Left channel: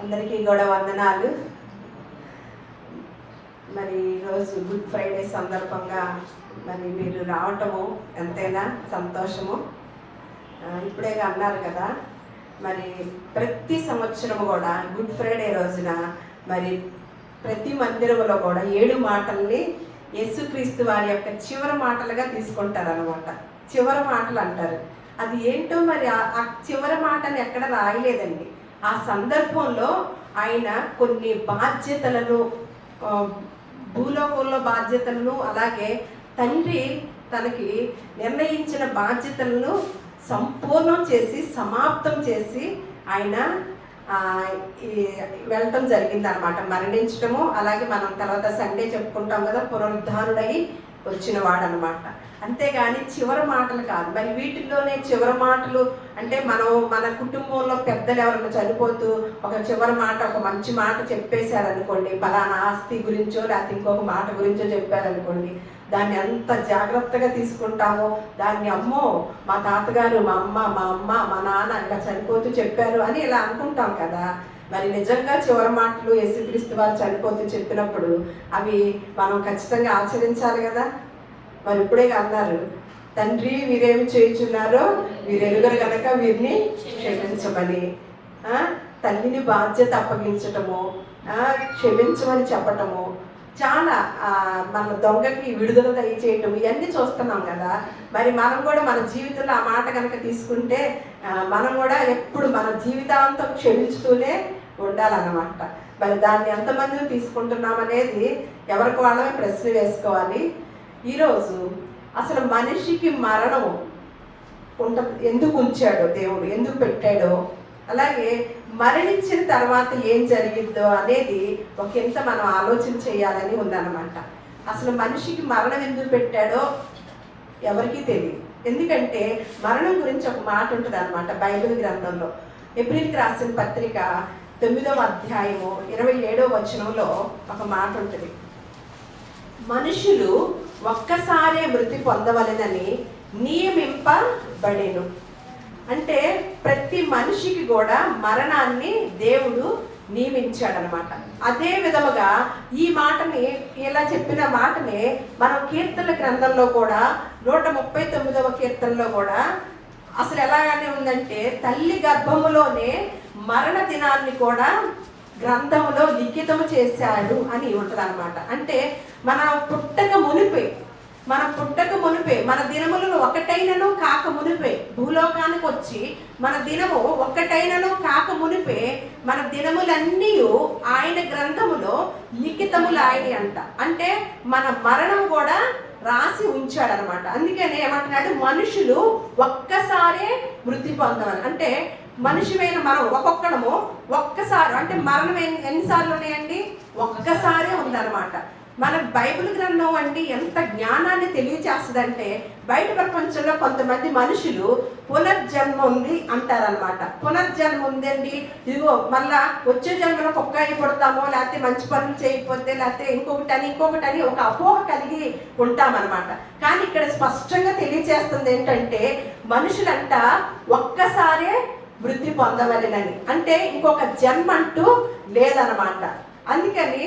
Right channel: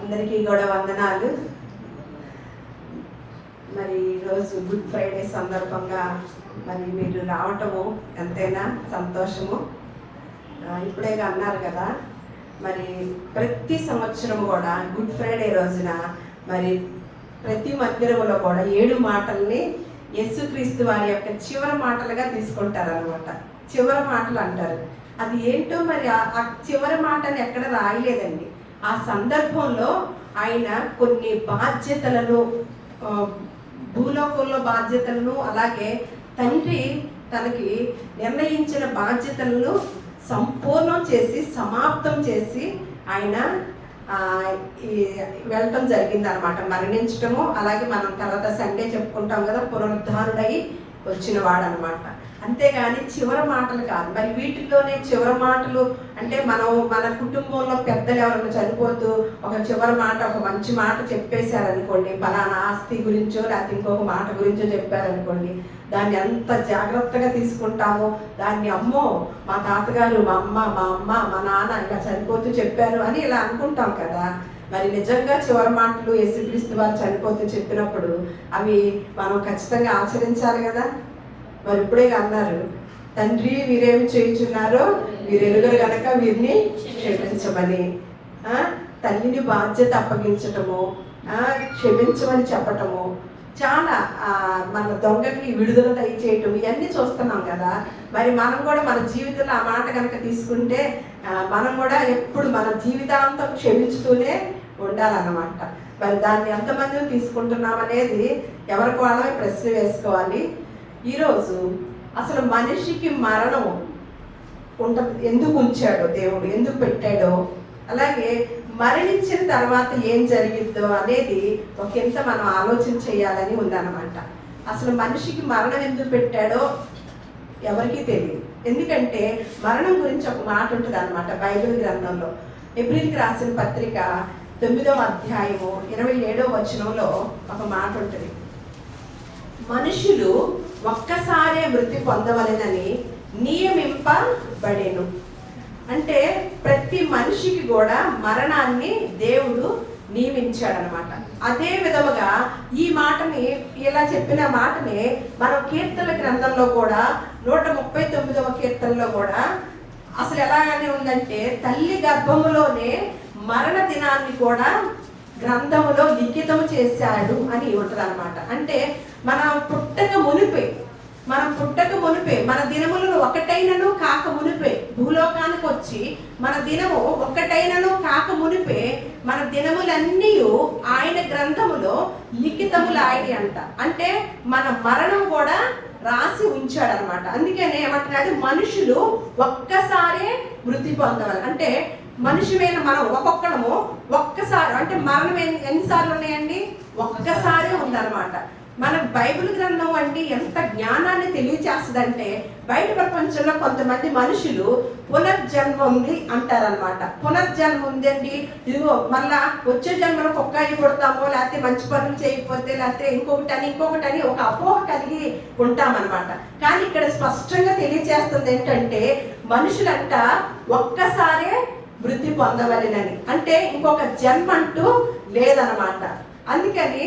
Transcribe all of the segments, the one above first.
అందరికీ కూడా వందనాలు. మరి ఈరోజు గుడ్ ఫ్రైడే సందర్భంగా మరి మీరు రావటము ఎంతైనా సంతోషము. ఇప్పుడే అన్నారు కదా, మరి ప్రతి సంవత్సరం కూడా గుడ్ ఫ్రైడే రోజున మరి ప్రతి మందిరంలో కూడా 7 మాటల్ని యేసుక్రీస్తు వారి యొక్క చివరి మాటలుగా తీసుకుంటారు అనమాట. చివరి మాటలు అంటారు. అది ఏంటో మరి ఆ చివరి మాటని ఎక్కడ రాయలేదండి. ఆ సందర్భంలో ఆయన కొన్ని బాధ్యతలను, భూలోకంలో బాధ్యతలను, అలాగే తండ్రి తనకి నిర్ణయించిన బాధ్యతలను సంపూర్ణం చేసి సమాప్తం చేసి ఆయన వెళ్ళటం జరిగింది అనమాట. మరణించటము, అలాగే మనం తర్వాత సండే చెప్పుకుంటాం కదా, పునరుద్ధారుడై వచ్చిన వాడు అనమాట. అంతేగాని చివరి మాటలు కాదు. మరి వీటిలోనే చివరి మాటలు అంటే మన కుటుంబంలో పెద్దలు ఎవరైనా చనిపోతూ ఒక చివరి మాట, ఒక మంచి మాట చెప్పేశారనుకోండి, ఫలానా ఆస్తి గురించో లేకపోతే ఇంకొక మాట గురించో చెప్పారనుకోండి, దాన్ని ఎంత జాగ్రత్తగా తీసుకుంటామో, దాన్ని అమ్మో మా తాతగారు, మా అమ్మ, మా నాన్న ఇలా చనిపోతూ చెప్పారు అని ఇలా అనుకుంటాం కదా. మరి నిజంగా చివరి మాటలు యేసుక్రీస్తు వారు చనిపోతూ చెప్పినప్పుడు అవి మనం ఖచ్చితంగా ఆచరించాలి కదా. మరి ఇప్పుడే అన్నారు, తండ్రి వీరేమి చేయించున్నారో వీరు ఎరుగరు గనక వీరిని క్షమించమని. తల్లిని బాధ్యత అప్పగించటము, క్షమించమని చెప్పటము, చాలా మన దొంగకి విడుదల దయచేయటం, ఇవన్నీ చూస్తున్నాం కదా. మరి మనం కూడా మన జీవితంలో ఆ మాట కనుక తీసుకుంటే మనం కూడా ఎప్పుడు మన జీవితాంతం క్షమించుతూనే ఉండాలన్నమాట. మరి దాన్ని ఎంతమంది తీసుకుంటున్నాం అనేది ఎవరికి వాళ్ళమే ప్రశ్న వేసుకోవాలి. ఈరోజు అసలు మనిషికి మరణం ఎందుకు ఉంచాడో దేవుడు, ఎందుకు పెట్టాడో, అలాగే మరణించిన తర్వాత ఏం జరిగిద్దో అనేది ఒకంత మనం ఆలోచన చేయాలని ఉందన్నమాట. అసలు మనిషికి మరణం ఎందుకు పెట్టాడో ఎవరికీ తెలియదు. ఎందుకంటే మరణం గురించి ఒక మాట ఉంటుంది అనమాట బైబిల్ గ్రంథంలో. ఏప్రిల్కి రాసిన పత్రిక 9వ అధ్యాయము 27వ వచనంలో ఒక మాట ఉంటుంది. మనుషులు ఒక్కసారే మృతి పొందవలెనని నియమింపబడెను. అంటే ప్రతి మనిషికి కూడా మరణాన్ని దేవుడు నియమించాడనమాట. అదే విధముగా ఈ మాటని, ఇలా చెప్పిన మాటని మనం కీర్తన గ్రంథంలో కూడా 139వ కీర్తనలో కూడా అసలు ఎలాగనే ఉందంటే, తల్లి గర్భములోనే మరణ దినాన్ని కూడా గ్రంథములో లిఖితం చేశాడు అని ఉంటుంది అనమాట. అంటే మన పుట్టక మునిపే మన దినములు ఒకటైనను కాక మునిపే, భూలోకానికి వచ్చి మన దినము ఒక్కటైనను కాక మునిపే మన దినములన్నీ ఆయన గ్రంథములో లిఖితములాయి అంట. అంటే మన మరణం కూడా రాసి ఉంచాడనమాట. అందుకనే ఏమంటున్నాడు, మనుషులు ఒక్కసారే మృతి పొందవాలి. అంటే మనిషిమైన మనం ఒక్కొక్కడము ఒక్కసారి, అంటే మరణం ఎన్నిసార్లు ఉన్నాయండి? ఒక్కసారే ఉందన్నమాట. మన బైబిల్ గ్రంథం అంటే ఎంత జ్ఞానాన్ని తెలియచేస్తుందంటే, బయట ప్రపంచంలో కొంతమంది మనుషులు పునర్జన్మ ఉంది అంటారనమాట. పునర్జన్మ ఉందండి, ఇదిగో మళ్ళా వచ్చే జన్మలో కుక్కాయి కొడతామో, లేకపోతే మంచి పనులు చేయకపోతే, లేకపోతే ఇంకొకటని ఒక అపోహ కలిగి ఉంటామన్నమాట. కానీ ఇక్కడ స్పష్టంగా తెలియచేస్తుంది ఏంటంటే, మనుషులంట ఒక్కసారే వృద్ధి పొందవలెనని. అంటే ఇంకొక జన్మ అంటూ లేదనమాట. అందుకని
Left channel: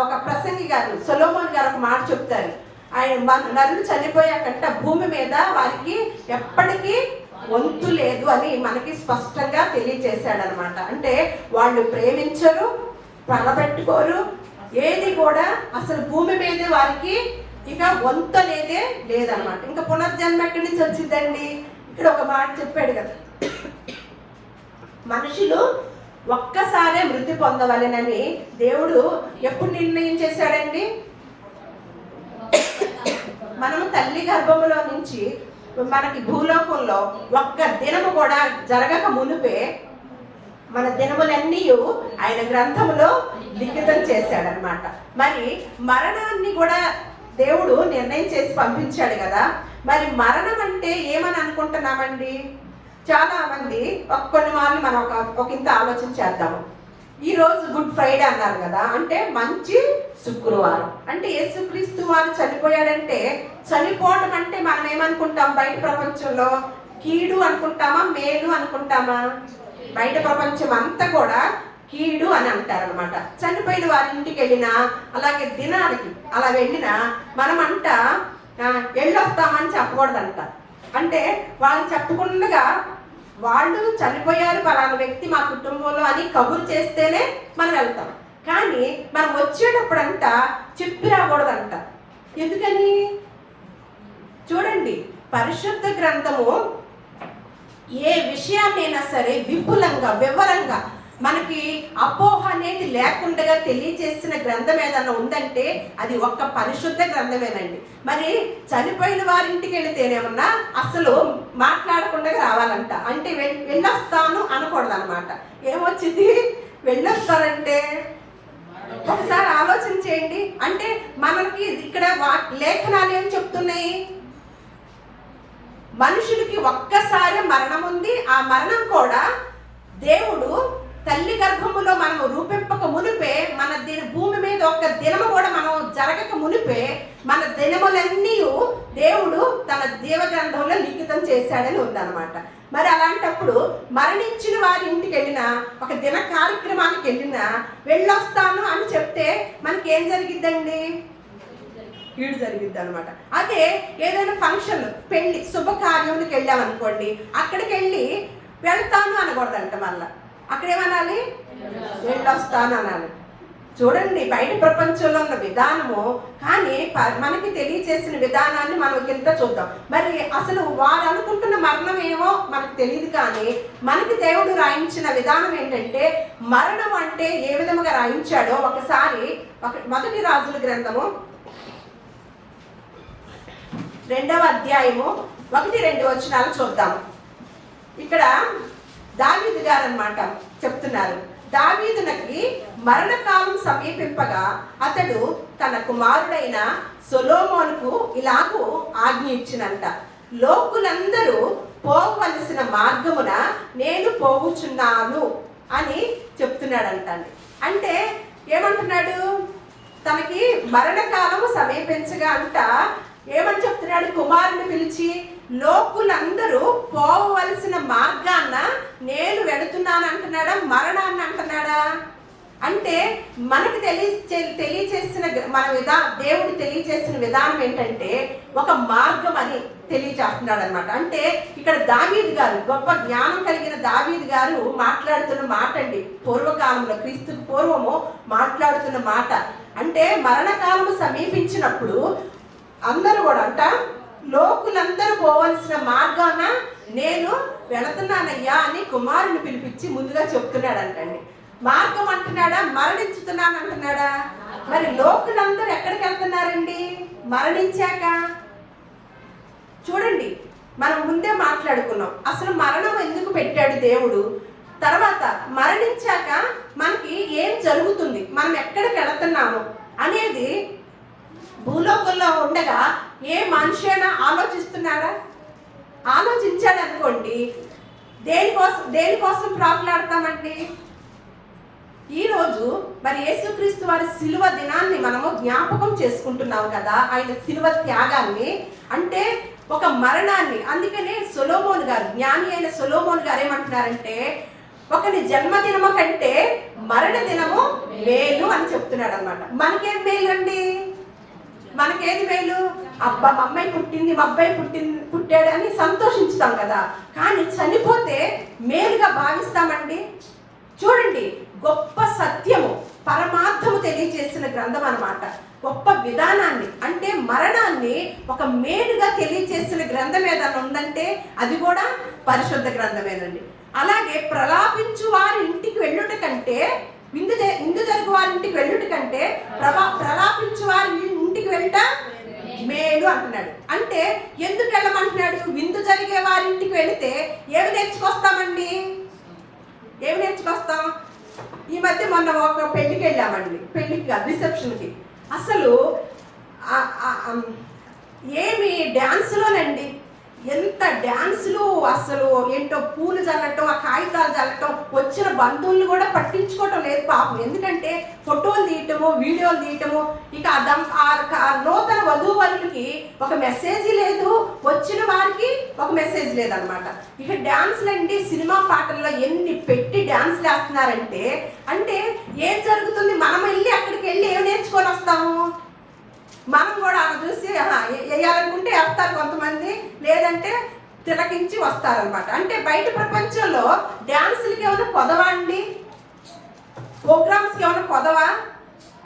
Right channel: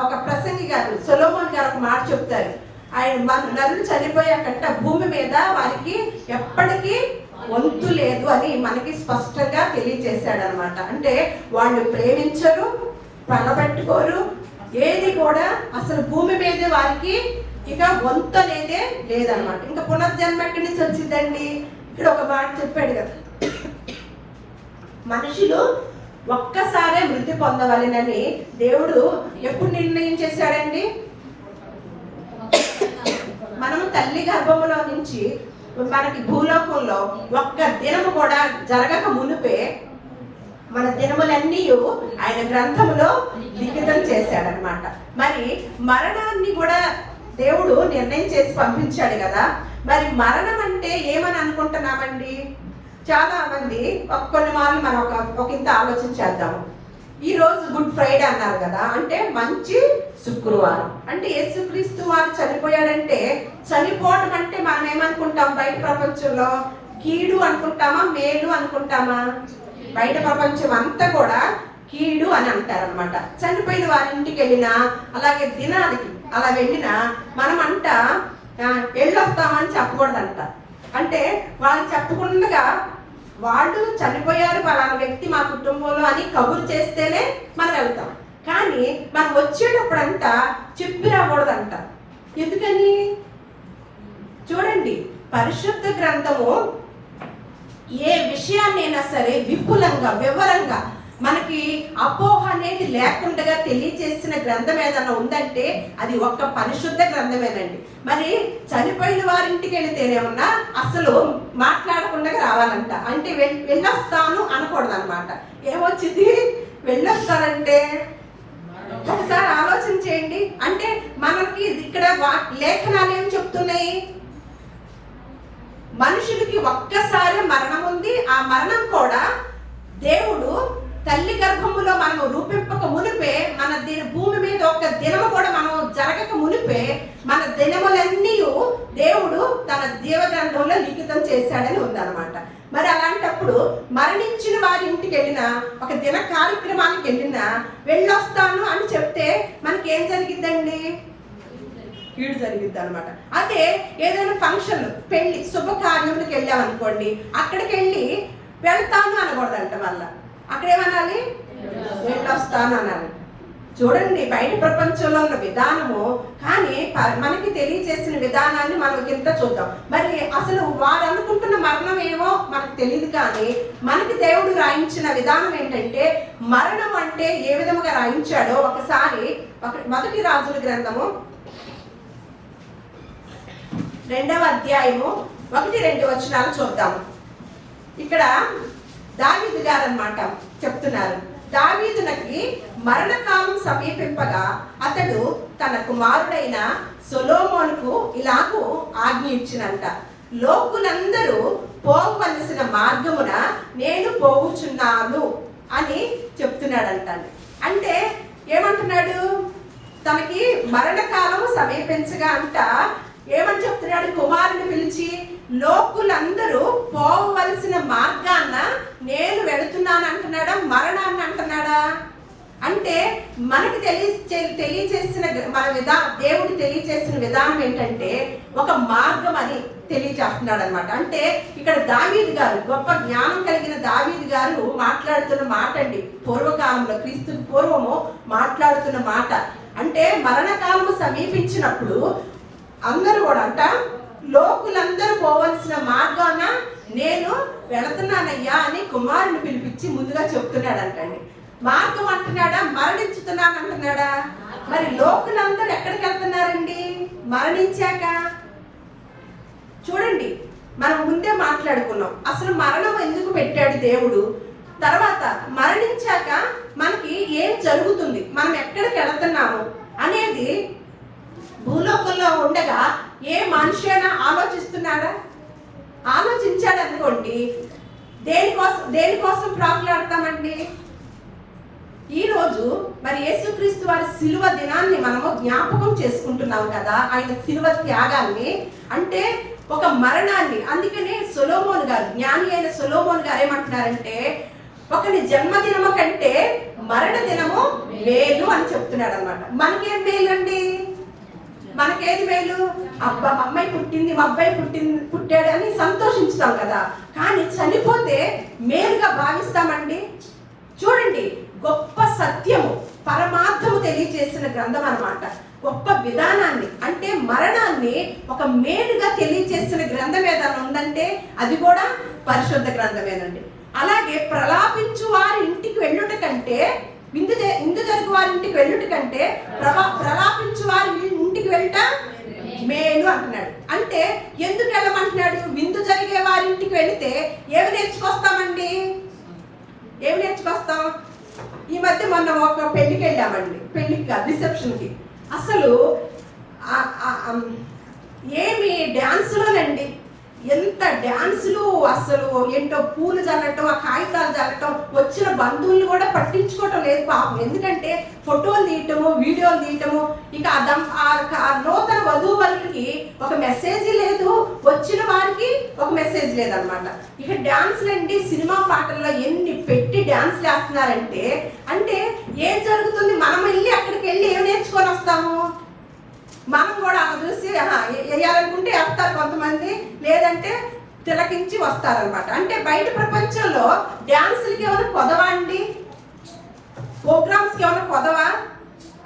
ఒక ప్రసంగి గారు, సొలొమోన్ గారు ఒక మాట చెప్తారు. ఆయన నరులు చనిపోయాకంట భూమి మీద వారికి ఎప్పటికీ వంతు లేదు అని మనకి స్పష్టంగా తెలియజేశాడు అనమాట. అంటే వాళ్ళు ప్రేమించరు, పగబెట్టుకోరు, ఏది కూడా అసలు భూమి మీదే వారికి ఇక వంతు అనేదే లేదనమాట. ఇంకా పునర్జన్మ ఎక్కడి నుంచి వచ్చిందండి? ఇక్కడ ఒక మాట చెప్పాడు కదా, మనుషులు ఒక్కసారే మృతి పొందవలెనని దేవుడు ఎప్పుడు నిర్ణయం చేశాడండి? మనము తల్లి గర్భములో నుంచి మనకి భూలోకంలో ఒక్క దినము కూడా జరగక మునిపే మన దినములన్నీ ఆయన గ్రంథములో లిఖితం చేశాడనమాట. మరి మరణాన్ని కూడా దేవుడు నిర్ణయం చేసి పంపించాడు కదా. మరి మరణం అంటే ఏమని అనుకుంటున్నామండి? చాలా మంది కొన్ని మార్లు మనం ఒక ఇంత ఆలోచించేద్దాము. ఈ రోజు గుడ్ ఫ్రైడే అన్నారు కదా, అంటే మంచి శుక్రవారం. అంటే యేసుక్రీస్తు వారు చనిపోయాడంటే, చనిపోవడం అంటే మనం ఏమనుకుంటాం? బయట ప్రపంచంలో కీడు అనుకుంటామా, మేలు అనుకుంటామా? బయట ప్రపంచం అంతా కూడా కీడు అని అంటారనమాట. చనిపోయిన వారి ఇంటికి వెళ్ళినా, అలాగే దినానికి అలా వెళ్ళినా మనమంట వెళ్ళొస్తామని చెప్పకూడదంట. అంటే వాళ్ళకి చెప్పకుండా వాళ్ళు చనిపోయారు పలానా వ్యక్తి మా కుటుంబంలో అని కబురు చేస్తేనే మనం వెళ్తాం. కానీ మనం వచ్చేటప్పుడంట చెప్పి రాకూడదంట. ఎందుకని? చూడండి, పరిశుద్ధ గ్రంథము ఏ విషయాన్నైనా సరే విపులంగా వివరంగా మనకి అపోహ అనేది లేకుండా తెలియజేసిన గ్రంథం ఏదన్నా ఉందంటే అది ఒక్క పరిశుద్ధ గ్రంథమేనండి. మరి చనిపోయిన వారింటికి వెళితేనేమన్నా అసలు మాట్లాడకుండా రావాలంట. అంటే వెళ్ళొస్తాను అనకూడదు అనమాట. ఏమొచ్చింది? వెళ్ళొస్తానంటే ఒకసారి ఆలోచన చేయండి. అంటే మనకి ఇక్కడ లేఖనాలు ఏం చెప్తున్నాయి? మనుషులకి ఒక్కసారి మరణం ఉంది. ఆ మరణం కూడా దేవుడు తల్లి గర్భములో మనం రూపింపక మునిపే, మన భూమి మీద ఒక్క దినము కూడా మనం జరగక మునిపే మన దినములన్నీ దేవుడు తన జీవగ్రంథంలో లిఖితం చేశాడని ఉందన్నమాట. మరి అలాంటప్పుడు మరణించిన వారి ఇంటికి వెళ్ళినా, ఒక దిన కార్యక్రమానికి వెళ్ళినా వెళ్ళొస్తాను అని చెప్తే మనకి ఏం జరిగిద్దండి? కీడు జరిగిద్ది అనమాట. అదే ఏదైనా ఫంక్షన్, పెళ్లి, శుభకార్యములకు వెళ్ళామనుకోండి, అక్కడికి వెళ్ళి వెళ్తాను అనకూడదంట. మళ్ళా అక్కడేమనాలి? వెళ్ళొస్తాను అనాలి. చూడండి, బయట ప్రపంచంలో ఉన్న విధానము కానీ మనకి తెలియజేసిన విధానాన్ని మనం ఇంత చూద్దాం. మరి అసలు వారు అనుకుంటున్న మరణం ఏమో మనకు తెలియదు, కానీ మనకి దేవుడు రాయించిన విధానం ఏంటంటే మరణం అంటే ఏ విధంగా రాయించాడో ఒకసారి మొదటి రాజుల గ్రంథము 2వ అధ్యాయము 1-2 వచనాలు చూద్దాము. ఇక్కడ దావీదు గారు అన్నమాట చెప్తున్నారు. దావీదునకి మరణకాలం సమీపింపగా అతడు తన కుమారుడైన సొలొమోనుకు ఇలాగూ ఆజ్ఞ ఇచ్చినంట. లోకులందరూ పోవలసిన మార్గమున నేను పోవుచున్నాను అని చెప్తున్నాడంటండి. అంటే ఏమంటున్నాడు? తనకి మరణకాలం సమీపించగా అంట ఏమని చెప్తున్నాడు? కుమారుని పిలిచి లోకులందరూ పోవలసిన మార్గాన్న నేను వెళుతున్నాను అంటున్నాడా? మరణాన్ని అంటున్నాడా? అంటే మనకు తెలియచేసిన మన దేవుడు తెలియచేసిన విధానం ఏంటంటే ఒక మార్గం అని తెలియచేస్తున్నాడు అనమాట. అంటే ఇక్కడ దావీదు గారు, గొప్ప జ్ఞానం కలిగిన దావీదు గారు మాట్లాడుతున్న మాట అండి. పూర్వకాలంలో, క్రీస్తుకు పూర్వము మాట్లాడుతున్న మాట. అంటే మరణకాలము సమీపించినప్పుడు అందరూ కూడా అంట లోకులందరూ పోవలసిన మార్గాన నేను వెళుతున్నానయ్యా అని కుమారుని పిలిపించి ముందుగా చెప్తున్నాడంటండి. మార్గం అంటున్నాడా? మరణించుతున్నాను అంటున్నాడా? మరి లోకులందరూ ఎక్కడికి వెళ్తున్నారండి మరణించాక? చూడండి, మనం ముందే మాట్లాడుకున్నాం అసలు మరణం ఎందుకు పెట్టాడు దేవుడు, తర్వాత మరణించాక మనకి ఏం జరుగుతుంది, మనం ఎక్కడికి వెళుతున్నాము అనేది భూలోకంలో ఉండగా ఏ మనిషి అయినా ఆలోచిస్తున్నాడా? ఆలోచించాడు అనుకోండి, దేనికోసం ప్రాకులాడతామండి? ఈరోజు మరి యేసుక్రీస్తు వారి సిలువ దినాన్ని మనము జ్ఞాపకం చేసుకుంటున్నాం కదా, ఆయన సిలువ త్యాగాన్ని, అంటే ఒక మరణాన్ని. అందుకనే సొలొమోను గారు, జ్ఞాని అయిన సొలొమోను గారు ఏమంటున్నారంటే ఒకని జన్మదినము కంటే మరణ దినము మేలు అని చెప్తున్నాడు అనమాట. మనకేం మేలు అండి? మనకేది మేలు? అబ్బా మా అమ్మాయి పుట్టింది, మా అబ్బాయి పుట్టాడు అని సంతోషించుతాం కదా, కానీ చనిపోతే మేలుగా భావిస్తామండి. చూడండి, గొప్ప సత్యము, పరమార్థము తెలియజేసిన గ్రంథం అన్నమాట. గొప్ప విధానాన్ని, అంటే మరణాన్ని ఒక మేలుగా తెలియజేసిన గ్రంథం ఏదైనా ఉందంటే అది కూడా పరిశుద్ధ గ్రంథమేనండి. అలాగే ప్రలాపించు వారి ఇంటికి వెళ్ళుట కంటే విందు జరుగు వారి ఇంటికి వెళ్ళుట కంటే ప్రలాపించు వారి ఇంటికి వెళ్ళట మేలు అంటున్నాడు. అంటే ఎందుకు వెళ్ళమంటున్నాడు? విందు జరిగే వారి ఇంటికి వెళితే ఏమి నేర్చుకొస్తామండి? ఏమి నేర్చుకొస్తాం? ఈ మధ్య మొన్న ఒక పెళ్లికి వెళ్ళామండి, పెళ్లికి కాదు రిసెప్షన్కి. అసలు ఏమి డ్యాన్స్లోనండి, ఎంత డ్యాన్సులు, అసలు ఏంటో పూలు చల్లటం, ఆ కాగితాలు చల్లటం, వచ్చిన బంధువులు కూడా పట్టించుకోవటం లేదు పాపం. ఎందుకంటే ఫోటోలు తీయటము, వీడియోలు తీయటము. ఇక నూతన వధూవరులకి ఒక మెసేజ్ లేదు, వచ్చిన వారికి ఒక మెసేజ్ లేదనమాట. ఇక డ్యాన్స్లు అండి, సినిమా పాటల్లో ఎన్ని పెట్టి చేస్తున్నారంటే అంటే ఏం జరుగుతుంది? మనం అక్కడికి వెళ్ళి ఏం నేర్చుకొని వస్తాము? మనం కూడా అలా చూసి వేయాలనుకుంటే వేస్తారు కొంతమంది, లేదంటే తిలకించి వస్తారనమాట. అంటే బయట ప్రపంచంలో డ్యాన్సులకి ఏమైనా కొదవా అండి? ప్రోగ్రామ్స్కి ఏమైనా కొదవా?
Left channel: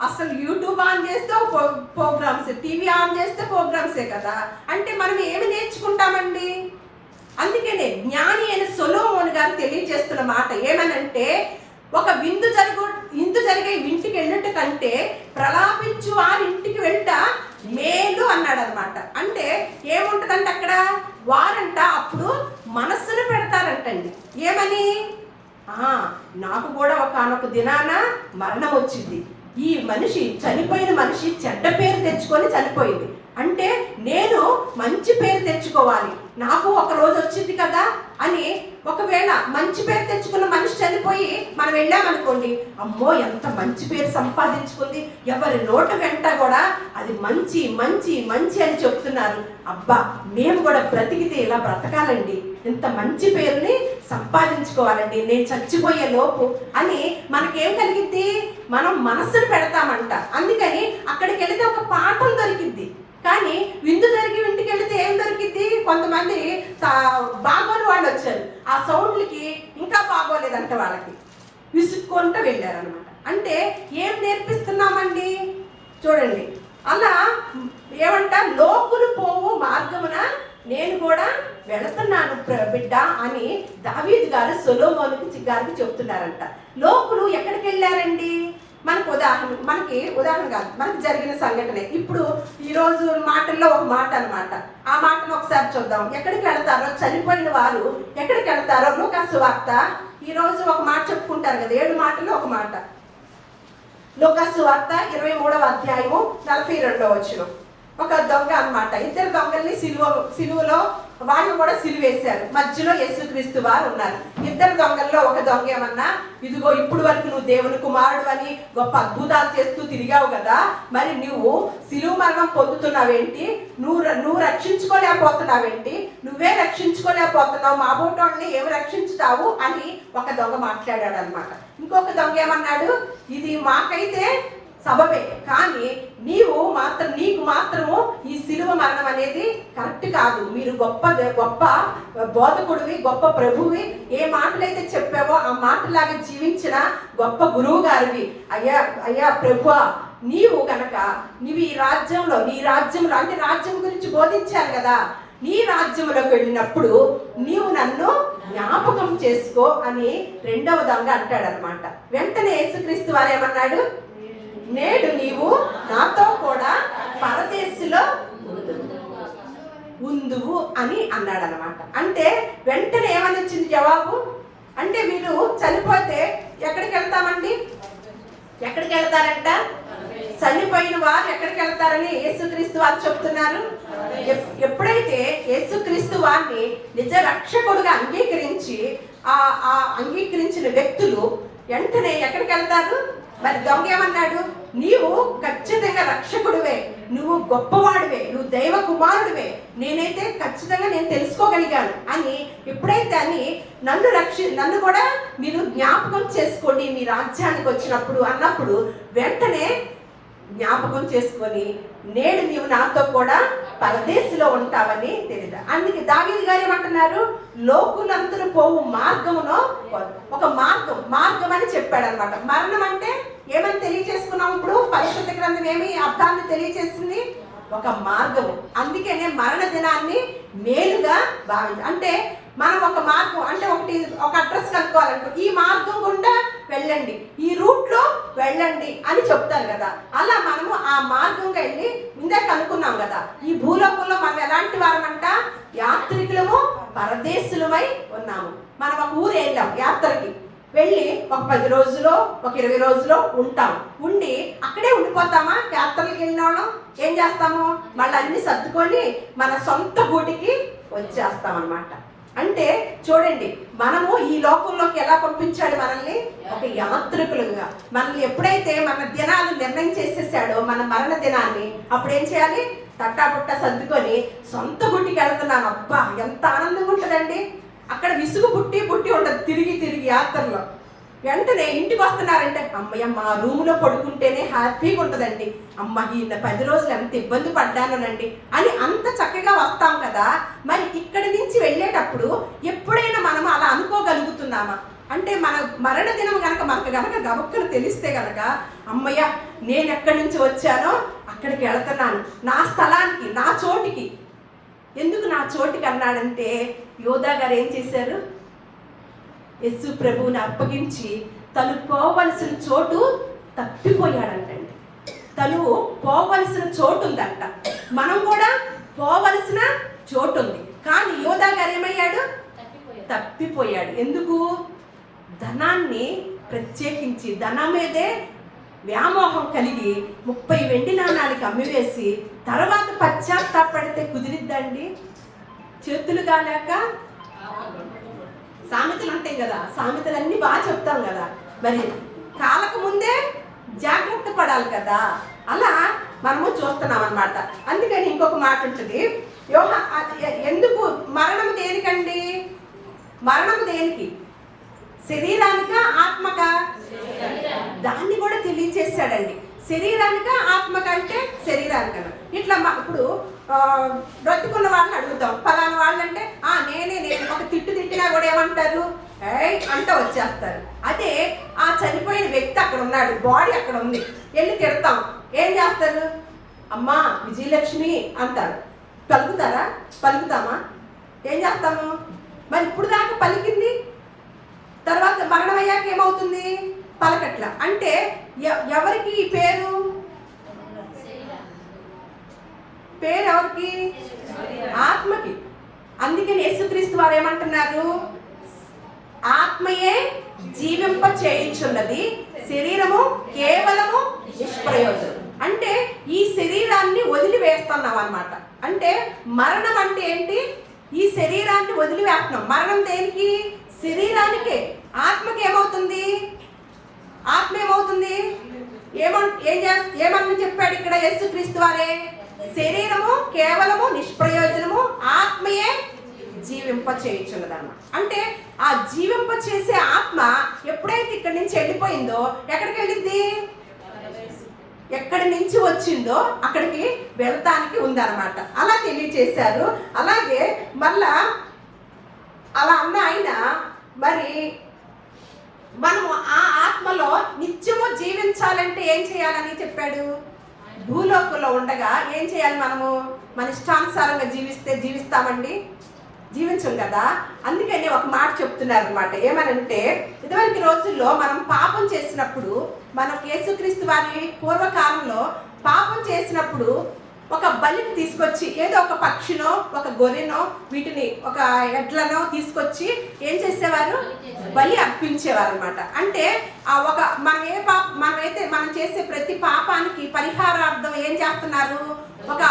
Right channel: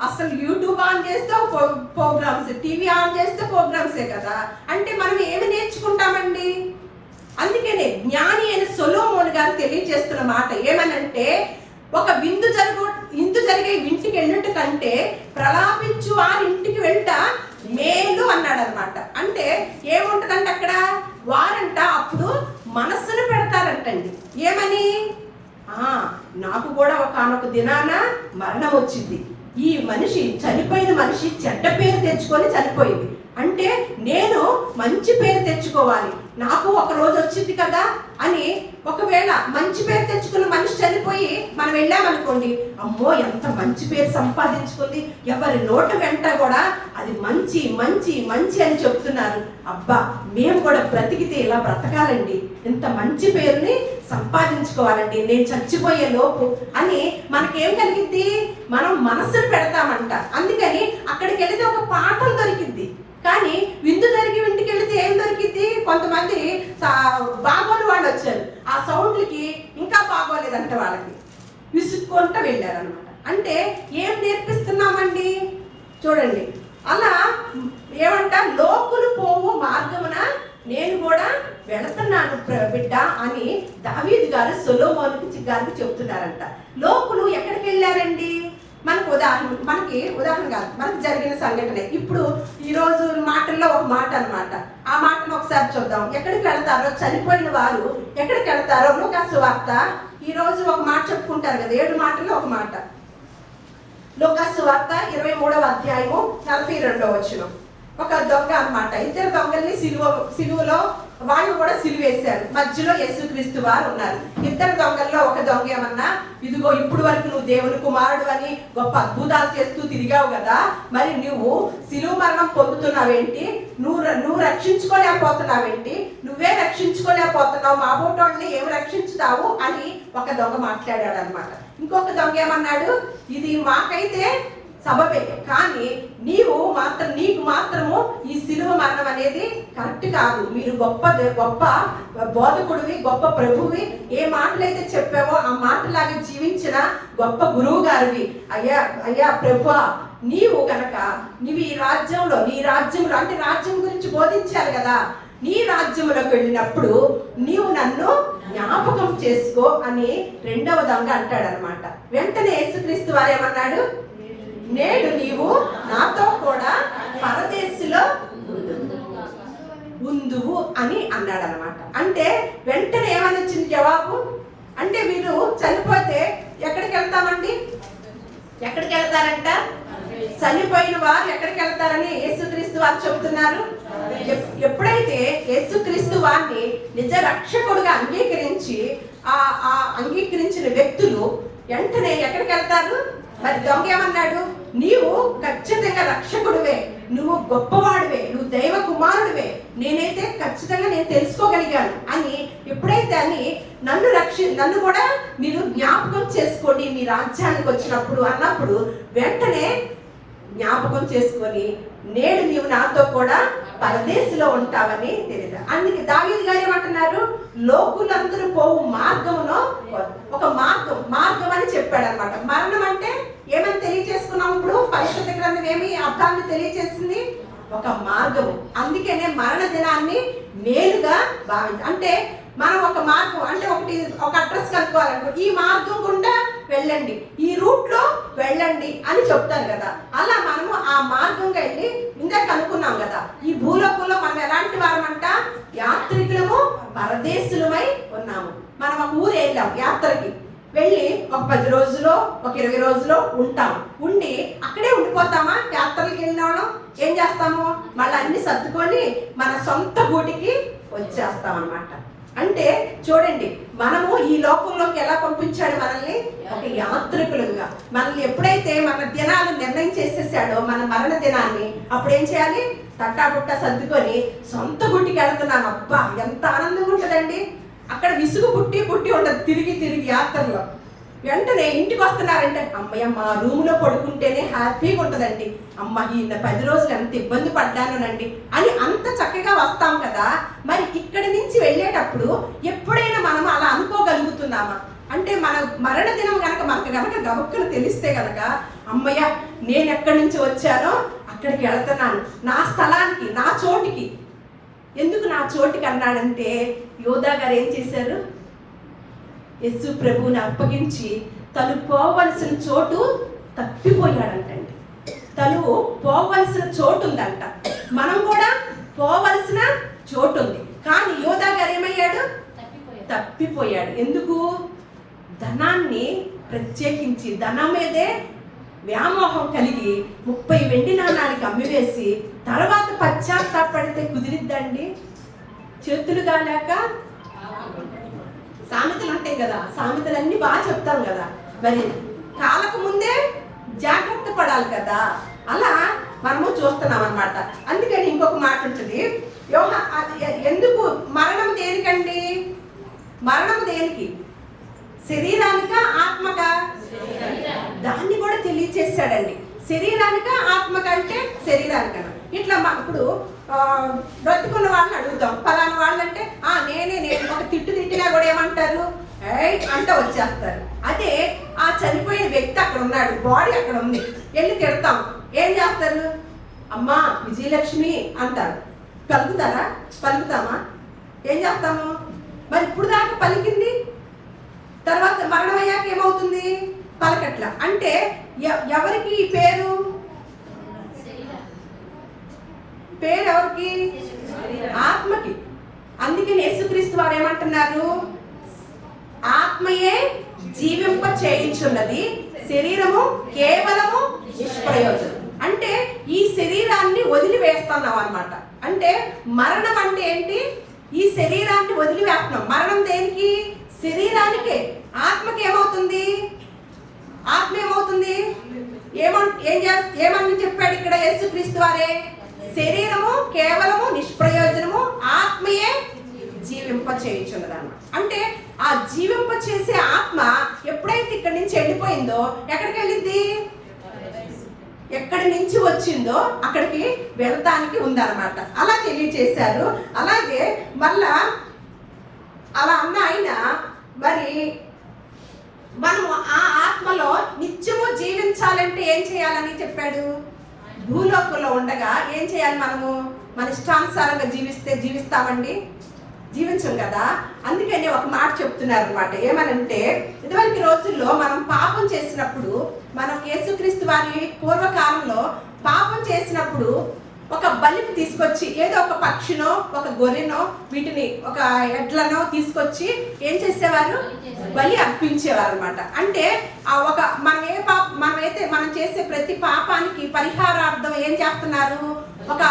అసలు యూట్యూబ్ ఆన్ చేస్తే ప్రోగ్రామ్స్, టీవీ ఆన్ చేస్తే ప్రోగ్రామ్సే కదా. అంటే మనం ఏమి నేర్చుకుంటామండి? అందుకనే జ్ఞాని అయిన సొలొమోను గారు తెలియజేస్తున్న మాట ఏమనంటే, ఒక విందు జరిగే ఇంటికి వెళ్ళినట్టు కంటే ప్రలాపించు ఆ ఇంటికి వెళ్తా మేలు అన్నాడు అనమాట. అంటే ఏముంటదంటే అక్కడ వారంట అప్పుడు మనస్సును పెడతారంటండి. ఏమని? నాకు కూడా ఒకనొక దినాన మరణం వచ్చింది, ఈ మనిషి చనిపోయిన మనిషి చెడ్డ పేరు తెచ్చుకొని చనిపోయింది, అంటే నేను మంచి పేరు తెచ్చుకోవాలి, నాకు ఒక రోజు వచ్చింది కదా అని. ఒకవేళ మంచి పేరు తెచ్చుకున్న మనిషి చనిపోయి మనం వెళ్ళామనుకోండి, అమ్మో ఎంత మంచి పేరు సంపాదించుకుంది, ఎవరి నోటు వెంట కూడా అది మంచి మంచి మంచి అని చెప్తున్నారు. అబ్బా మేము కూడా బ్రతికితే ఇలా బ్రతకాలండి, ఇంత మంచి పేరుని సంపాదించుకోవాలండి, నేను చచ్చిపోయే లోపు అని మనకేం కలిగింది? మనం మనస్సును పెడతామంట. అందుకని అక్కడికి వెళితే ఒక పాఠం దొరికింది. కానీ విందు జరిగి ఇంటికి వెళితే ఏం దొరికింది? కొంతమంది బాగోని వాళ్ళు వచ్చారు, ఆ సౌండ్లకి ఇంకా బాగోలేదంట, వాళ్ళకి విసుక్కుంటూ వెళ్ళారనమాట. అంటే ఏం నేర్పిస్తున్నామండి? చూడండి, అలా ఏమంట, లోకులు పోవు మార్గమున నేను కూడా వెళుతున్నాను బిడ్డ అని దావీదు గారు సొలొమోను గారికి చెప్తున్నారంట. లోకులు ఎక్కడికి వెళ్ళారండి? మనకి ఉదాహరణ కాదు, మనకు జరిగిన సంఘటనే. ఇప్పుడు ఈరోజు మాటల్లో ఒక మాట అనమాట. ఆ మాటను ఒకసారి చూద్దాం. ఎక్కడికి వెళ్తారో చనిపోయిన వారు ఎక్కడికి వెళ్తారో లూకా సువార్త ఈరోజు ఒక మాట చెప్పుకుంటారు కదా, 7 మాటల్లో ఒక మాట. లూకా సువార్త 23వ అధ్యాయము 42వ వచనం. ఒక దొంగ అనమాట, 2 దొంగల్ని సిలువలో వాళ్ళు కూడా సిలువేశారు, మధ్యలో యేసుక్రీస్తు వారు ఉన్నారు. 2 దొంగల్లో ఒక దొంగ ఏమన్నా, ఇదిగో ఇప్పుడు వరకు నువ్వు దేవుని కుమారుడు అని గొప్ప అద్భుతాలు చేస్తూ తిరిగావు కదా, మరి నువ్వు సిలువ మరణం పొందుతున్నావేంటి? నువ్వు రక్షించుకోలేకపోతున్నావేంటి? నువ్వే రక్షించుకోలేకపోతున్నావు, మా బోటోళ్ళని ఏమి రక్షించుతావు అని ఒక దొంగ మాట్లాడాడు అనమాట. ఇంకొక దొంగ ఏమన్నాడు, ఇది మాకైతే సబబే, కానీ నీకు మాత్రము ఈ సిలువ మరణం అనేది కరెక్ట్ కాదు. మీరు గొప్ప బోధకుడివి, గొప్ప ప్రభువి, ఏ మాటలైతే చెప్పావో ఆ మాటలాగా జీవించిన గొప్ప గురువు గారివి. అయ్యా ప్రభువా, నీవు కనుక నీవు ఈ రాజ్యంలో, నీ రాజ్యంలో అంటే రాజ్యం గురించి బోధించారు కదా, నీ రాజ్యంలోకి వెళ్ళినప్పుడు నీవు నన్ను జ్ఞాపకం చేసుకో అని 2వ దొంగ అంటాడు అనమాట. వెంటనే యేసుక్రీస్తు వారు ఏమన్నాడు, నేడు నీవు నాతో కూడా పరదేశంలో ఉందువు అని అన్నాడు అనమాట. అంటే వెంటనే ఏమని వచ్చింది జవాబు? అంటే మీరు చనిపోతే ఎక్కడికి వెళ్తామండి? ఎక్కడికి వెళ్తారంట? చనిపోయిన వారు ఎక్కడికి వెళ్తారని యేసుక్రీస్తు వారు చెప్తున్నారు. ఎప్పుడైతే యేసుక్రీస్తు వారిని నిజ రక్షకుడుగా అంగీకరించిన వ్యక్తులు వెంటనే ఎక్కడికి వెళ్తారు? మరి దొంగ ఏమన్నాడు, నీవు ఖచ్చితంగా రక్షకుడివే, నువ్వు గొప్పవాడివే, నువ్వు దైవ కుమారుడివే, నేనైతే ఖచ్చితంగా నేను తెలుసుకోగలిగాను అని ఎప్పుడైతే అని నన్ను కూడా మీరు జ్ఞాపకం చేసుకోండి మీ రాజ్యానికి వచ్చినప్పుడు అన్నప్పుడు వెంటనే జ్ఞాపకం చేసుకొని నేడు నీవు నాతో కూడా పరదేశంలో ఉంటావని తెలియదు. అందుకే దావీదు గారు ఏమంటున్నారు, లోకులందరూ పోవు మార్గమును ఒక మార్గం అని చెప్పాడు అనమాట. మరణం అంటే ఏమని తెలియజేసుకున్నాం? ఇప్పుడు పరిశుద్ధ గ్రంథం ఏమి అర్థాన్ని తెలియజేస్తుంది? ఒక మార్గము. అందుకనే మరణ దినాన్ని మేలుగా అంటే మనం ఒక మార్గం అంటే ఒక అడ్రస్ కనుక్కోవాలంటే ఈ మార్గం గుండా వెళ్ళండి, ఈ రూట్ లో వెళ్ళండి అని చెప్తారు కదా. అలా మనము ఆ మార్గంగా వెళ్ళి ఇందాక అనుకున్నాం కదా, ఈ భూలోకంలో మనం ఎలాంటి వారమంట, యాత్రికులము పరదేశులమై ఉన్నాము. మనం ఒక ఊరు వెళ్ళాం యాత్రకి, వెళ్ళి ఒక 10 రోజులో ఒక 20 రోజులో ఉంటాం. ఉండి అక్కడే ఉండిపోతామా? యాత్రలకు వెళ్ళిన వాళ్ళం ఏం చేస్తాము, మళ్ళీ అన్ని సర్దుకొని మన సొంత గూటికి వచ్చేస్తాం అనమాట. అంటే చూడండి, మనము ఈ లోకంలోకి ఎలా పంపించాడు మనల్ని? ఒక యాత్రికులుగా. మనల్ని ఎప్పుడైతే మన దినాలు నిర్ణయం చేసేసాడో, మన మరణ దినాన్ని, అప్పుడు ఏం చేయాలి? తట్టాబుట్ట సర్దుకొని సొంత గుట్టికి వెళ్తున్నాం. అబ్బా ఎంత ఆనందంగా ఉంటుందండి. అక్కడ విసుగు పుట్టి ఉండదు తిరిగి యాత్రలో. వెంటనే ఇంటికి వస్తున్నారంటే అమ్మయ్య మా రూములో పడుకుంటేనే హ్యాపీగా ఉంటుందండి, అమ్మ ఈ 10 రోజులు ఎంత ఇబ్బంది పడ్డానండి అని అంత చక్కగా వస్తాం కదా. మరి ఇక్కడి నుంచి వెళ్ళేటప్పుడు ఎప్పుడైనా మనం అలా అనుకోగలుగుతున్నామా? అంటే మన మరణ దినం మనకు గనక గబుక్కును తెలిస్తే గనక అమ్మయ్య నేను ఎక్కడి నుంచి వచ్చానో అక్కడికి వెళుతున్నాను, నా స్థలానికి, నా చోటికి. ఎందుకు నా చోటికి అన్నాడంటే యోధా గారు ఏం చేశారు? యేసు ప్రభువుని అప్పగించి తను పోవలసిన చోటు తప్పిపోయాడంటండి. తను పోవలసిన చోటు ఉందంట, మనం కూడా పోవలసిన చోటు ఉంది. కానీ యోధా గారు ఏమయ్యాడు? తప్పిపోయాడు. ఎందుకు? ధనాన్ని ప్రత్యేకించి ధనం మీదే వ్యామోహం కలిగి 30 వెండి నాణానికి అమ్మివేసి తర్వాత పశ్చాత్తాపడితే కుదిరిద్దండి? చేతులు కాలేక సామెతలు ఉంటాయి కదా, సామెతలన్నీ బాగా చెప్తాం కదా, మరి కాలక ముందే జాగ్రత్త పడాలి కదా. అలా మనము చూస్తున్నాం అన్నమాట. అందుకని ఇంకొక మాట ఉంటుంది, ఎందుకు మరణం దేనికండి? మరణం దేనికి? శరీరానికా ఆత్మకా? దాన్ని కూడా తెలియచేశాడండి. శరీరానికా ఆత్మక అంటే శరీరానికన్నా. ఇట్లా ఇప్పుడు బ్రతుకున్న వాళ్ళని అడుగుతాం, పలానా వాళ్ళు అంటే నేను ఒక తిట్టినా కూడా ఏమంటారు? అంటే వచ్చేస్తారు. అదే ఆ చనిపోయిన వ్యక్తి అక్కడ ఉన్నాడు, బాడీ అక్కడ ఉంది, వెళ్ళి తిడతాం, ఏం చేస్తారు? అమ్మా విజయలక్ష్మి అంటారు. పలుకుతామా? ఏం చేస్తాము? మరి ఇప్పుడు దాకా పలికింది, తర్వాత మరణం అయ్యాక ఏమవుతుంది? పలకట్ల. అంటే ఎవరికి పేరు? పేరు ఎవరికి? ఆత్మకి. అందుకని యేసుక్రీస్తు వారు ఏమంటున్నారు? ఆత్మయే జీవింప చేయించున్నది, శరీరము కేవలము నిష్ప్రయోజనం. అంటే ఈ శరీరాన్ని వదిలివేస్తున్నాం అన్నమాట. అంటే మరణం అంటే ఏంటి? ఈ శరీరాన్ని వదిలివేస్తున్నాం. మరణం దేనికి? శరీరానికే. ఆత్మకి ఏమవుతుంది? ఆత్మ ఏమవుతుంది? ఏమని చెప్పాడు ఇక్కడ యేసుక్రీస్తు వారే? శరీరము కేవలము నిష్ప్రయోజనము, ఆత్మయే జీవింప చేయించున్నదన్నమాట. అంటే ఆ జీవింప చేసే ఆత్మ ఎప్పుడైతే ఇక్కడి నుంచి వెళ్ళిపోయిందో ఎక్కడికి వెళ్ళింది? ఎక్కడి నుంచి వచ్చిందో అక్కడికి వెళతానికి ఉందన్నమాట. అలా తెలియచేశారు. అలాగే మళ్ళా అలా అన్న ఆయన మరి మనము ఆ ఆత్మలో నిత్యము జీవించాలంటే ఏం చేయాలని చెప్పాడు? భూలోకంలో ఉండగా ఏం చేయాలి? మనము మన ఇష్టానుసారంగా జీవిస్తామండి? జీవించం కదా. అందుకని ఒక మాట చెప్తున్నారు అనమాట. ఏమనంటే ఇదివరకు రోజుల్లో మనం పాపం చేసినప్పుడు, మనం యేసుక్రీస్తు వారి పూర్వకాలంలో పాపం చేసినప్పుడు ఒక బలిని తీసుకొచ్చి, ఏదో ఒక పక్షినో ఒక గొర్రెనో వీటిని ఒక ఎడ్లనో తీసుకొచ్చి ఏం చేసేవారు? బలి అర్పించేవారు అనమాట. అంటే ఆ ఒక మనం చేసే ప్రతి పాపానికి పరిహారార్థం ఏం చేస్తున్నారు? ఒక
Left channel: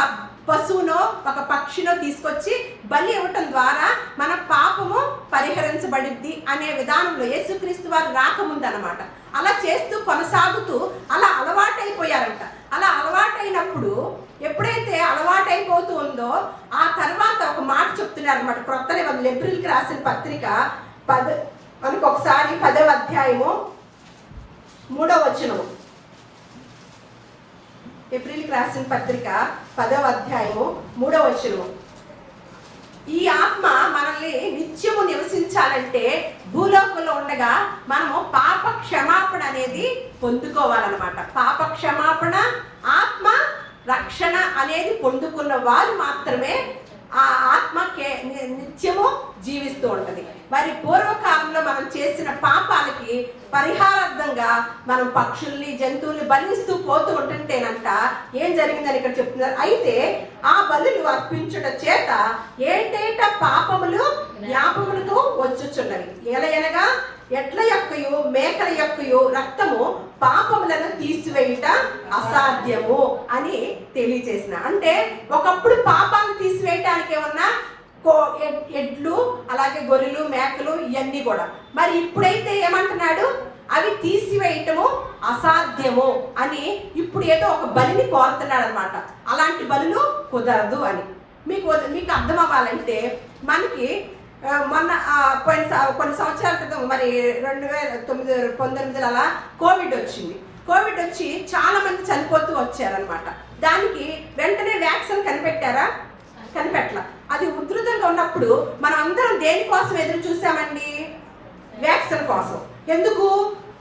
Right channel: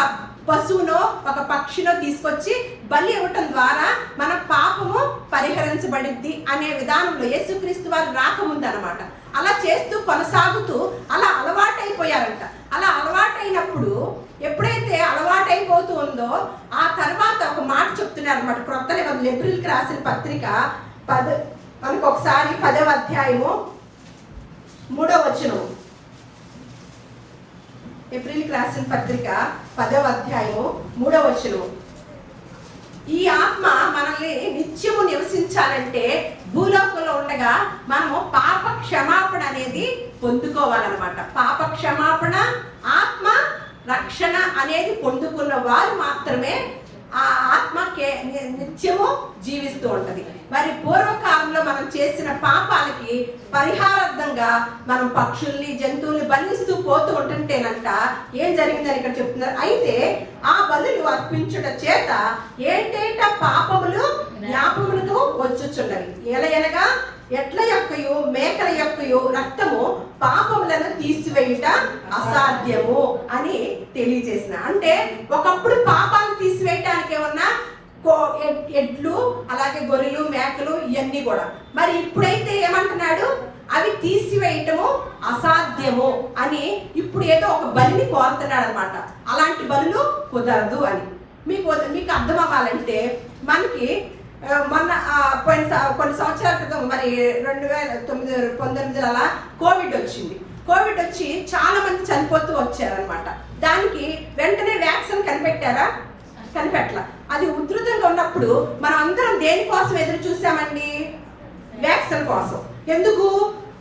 పశువునో ఒక పక్షినో తీసుకొచ్చి బలి ఇవ్వటం ద్వారా మన పాపము పరిహరించబడిద్ది అనే విధానంలో యేసుక్రీస్తు వారు రాకముందు అనమాట. అలా చేస్తూ కొనసాగుతూ అలా అలవాటైపోయారంట. అలా అలవాటైనప్పుడు ఎప్పుడైతే అలవాటైపోతూ ఉందో ఆ తర్వాత ఒక మాట చెప్తున్నారు అనమాట. క్రొత్త నిబంధన ఏప్రిల్కి రాసిన పత్రిక మనకి ఒకసారి 10వ అధ్యాయము 3వ వచనం. ఏప్రిల్కి రాసిన పత్రిక 10వ అధ్యాయము 3వ వచనం. ఈ ఆత్మ మనల్ని నిత్యము నివసించాలంటే భూలోకంలో ఉండగా మనము పాప క్షమాపణ అనేది పొందుకోవాలన్నమాట. పాప క్షమాపణ, ఆత్మ రక్షణ అనేది పొందుకున్న వారు మాత్రమే ఆ ఆత్మ నిత్యము జీవిస్తూ ఉంటది. మరి పూర్వకాలంలో మనం చేసిన పాపాలకి పరిహారార్థంగా మనం పక్షుల్ని, జంతువుల్ని బలిస్తూ పోతూ ఉంటుంటేనంట ఏం జరిగిందని ఇక్కడ చెప్తున్నారు. అయితే ఆ బలులు అర్పించుట చేత ఏటేట పాపములు జ్ఞాపములకు వచ్చుచున్నవి. ఎలయనగా ఎడ్ల యొక్కయు మేకల యొక్కయు రక్తము పాపములను తీసివేయుట అసాధ్యము అని తెలియజేసిన. అంటే ఒకప్పుడు పాపాలు తీసివేయటానికి ఏమన్నా ఎడ్లు, అలాగే గొర్రెలు, మేకలు ఇవన్నీ కూడా. మరి ఇప్పుడైతే ఏమంటున్నాడు? అవి తీసివేయటము అసాధ్యము అని ఇప్పుడు ఏదో ఒక బలిని కోరుతున్నాడు అనమాట. అలాంటి బలులు కుదరదు అని మీకు అర్థం అవ్వాలంటే మనకి మొన్న కొన్ని సంవత్సరాల క్రితం మరి 2019 అలా కోవిడ్ వచ్చింది. కోవిడ్ వచ్చి చాలా మంది చనిపోతూ వచ్చారనమాట. దానికి వెంటనే వ్యాక్సిన్ కనిపెట్టలా. అది ఉధృతంగా ఉన్నప్పుడు మనం అందరం దేనికోసం ఎదురు చూసామండి? వ్యాక్సిన్ కోసం. ఎందుకు?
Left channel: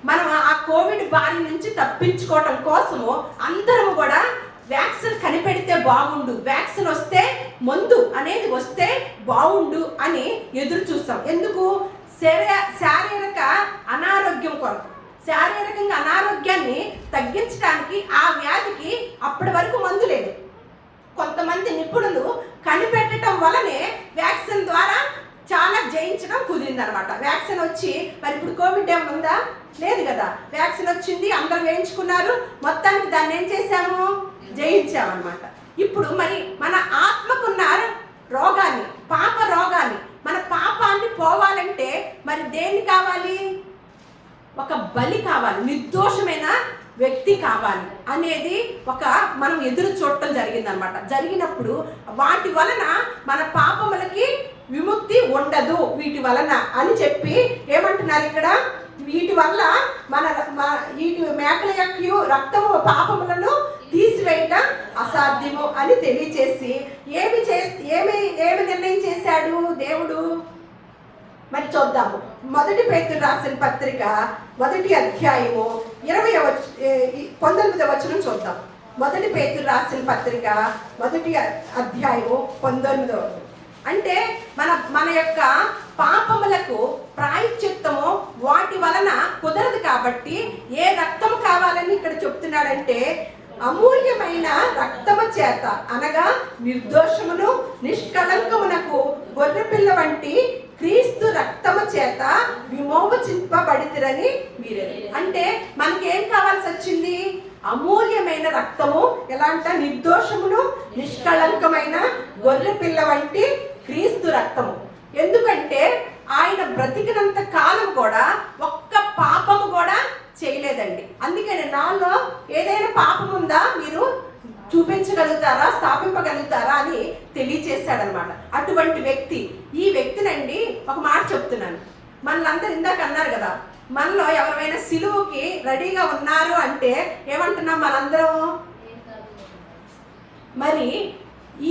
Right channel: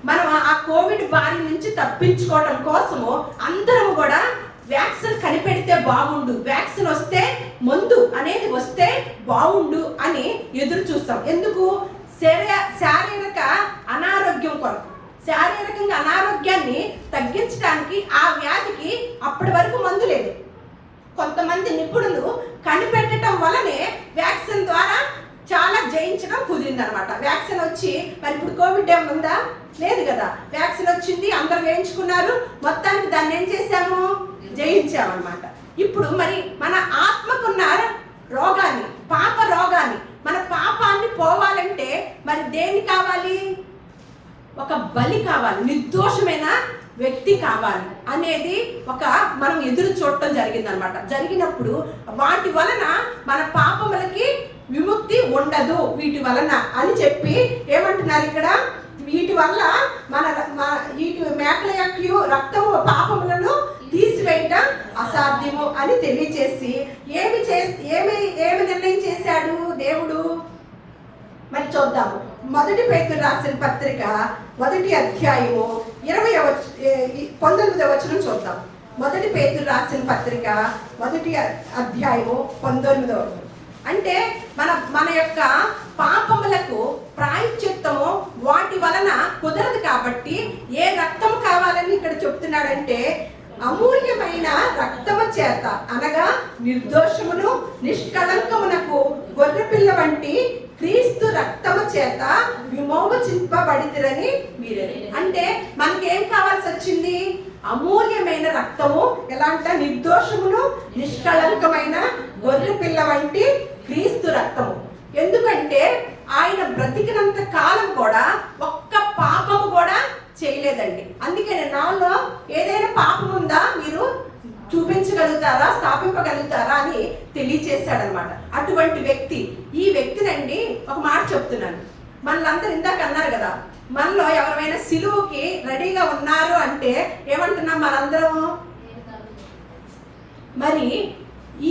మనం ఆ కోవిడ్ బారి నుంచి తప్పించుకోవటం కోసము అందరం కూడా వ్యాక్సిన్ కనిపెడితే బాగుండు, వ్యాక్సిన్ వస్తే మందు అనేది వస్తే బాగుండు అని ఎదురు చూస్తాం. ఎందుకు? శారీరక అనారోగ్యం కొరకు. శారీరకంగా అనారోగ్యాన్ని తగ్గించడానికి, ఆ వ్యాధికి అప్పటి వరకు మందు లేదు. కొంతమంది నిపుణులు కనిపెట్టడం వల్లనే వ్యాక్సిన్ ద్వారా చాలా జయించడం కుదిరిందనమాట. వ్యాక్సిన్ వచ్చి మరి ఇప్పుడు కోవిడ్ ఏమైనా ఉందా? లేదు కదా. వ్యాక్సిన్ వచ్చింది, అందరూ వేయించుకున్నారు, మొత్తానికి దాన్ని ఏం చేశాము? జయించామన్నమాట. ఇప్పుడు మరి మన ఆత్మకున్న రోగాన్ని, పాప రోగాన్ని, మన పాపాన్ని పోవాలంటే మరి దేన్ని కావాలి? ఒక బలి కావాలి, నిర్దోషమైన వ్యక్తి కావాలి అనేది మనం ఎదురు చూడటం జరిగిందనమాట. జరిగినప్పుడు వాటి వలన మన పాపములకి విముక్తి ఉండదు వీటి వలన అని చెప్పి ఏమంటున్నారు ఇక్కడ? వీటి వల్ల వీటి మేకల యొక్క రక్తము పాపములను తీసివేయటం అసాధ్యము అని తెలియచేసి ఏమి నిర్ణయం చేశాడు దేవుడు? మరి చూద్దాము. 1 పేతురు రాసిన పత్రిక 1వ అధ్యాయము 19వ వచనం చూద్దాం. 1 పేతురు రాసిన పత్రిక 1వ అధ్యాయము 19వ. అంటే మన యొక్క పాపములకు ప్రాయశ్చిత్తము వాటి వలన కుదరదు కాబట్టి ఏ రక్తం కావాలని ఇక్కడ చెప్తున్నాడంటే అమూల్యమైన రక్తము చేత, అనగా నిర్దోషమును నిష్కళంకమునకు గొర్రెపిల్ల వంటి క్రీస్తు రక్తము చేత విమోచింపబడితిరని మీరే. అంటే మనకేం కావాల్సి వచ్చింది? అమూల్యమైన రక్తము. ఎలాంటి? నిర్దోషమును నిష్కళంకమైన గొర్రెపిల్ల వంటి క్రీస్తు రక్తము. ఎందుకంటే ఆయన బ్రతికినంత కాలం కూడా ఒక్క పాపము కూడా చేయలేదండి. అందుకని నాలో ఏదైనా పాపం ఉందా మీరు చూపించగలుగుతారా, స్థాపింపగలుగుతారా అని తెలియచేశాడనమాట. అటువంటి వ్యక్తి. ఈ వ్యక్తినండి ఒక మాట చెప్తున్నాను. మనలందరూ ఇందాక అన్నారు కదా, మనలో ఎవరైనా సిలువకి రెడీగా ఉన్నారు అంటే ఏమంటున్నాం మనందరం? మరి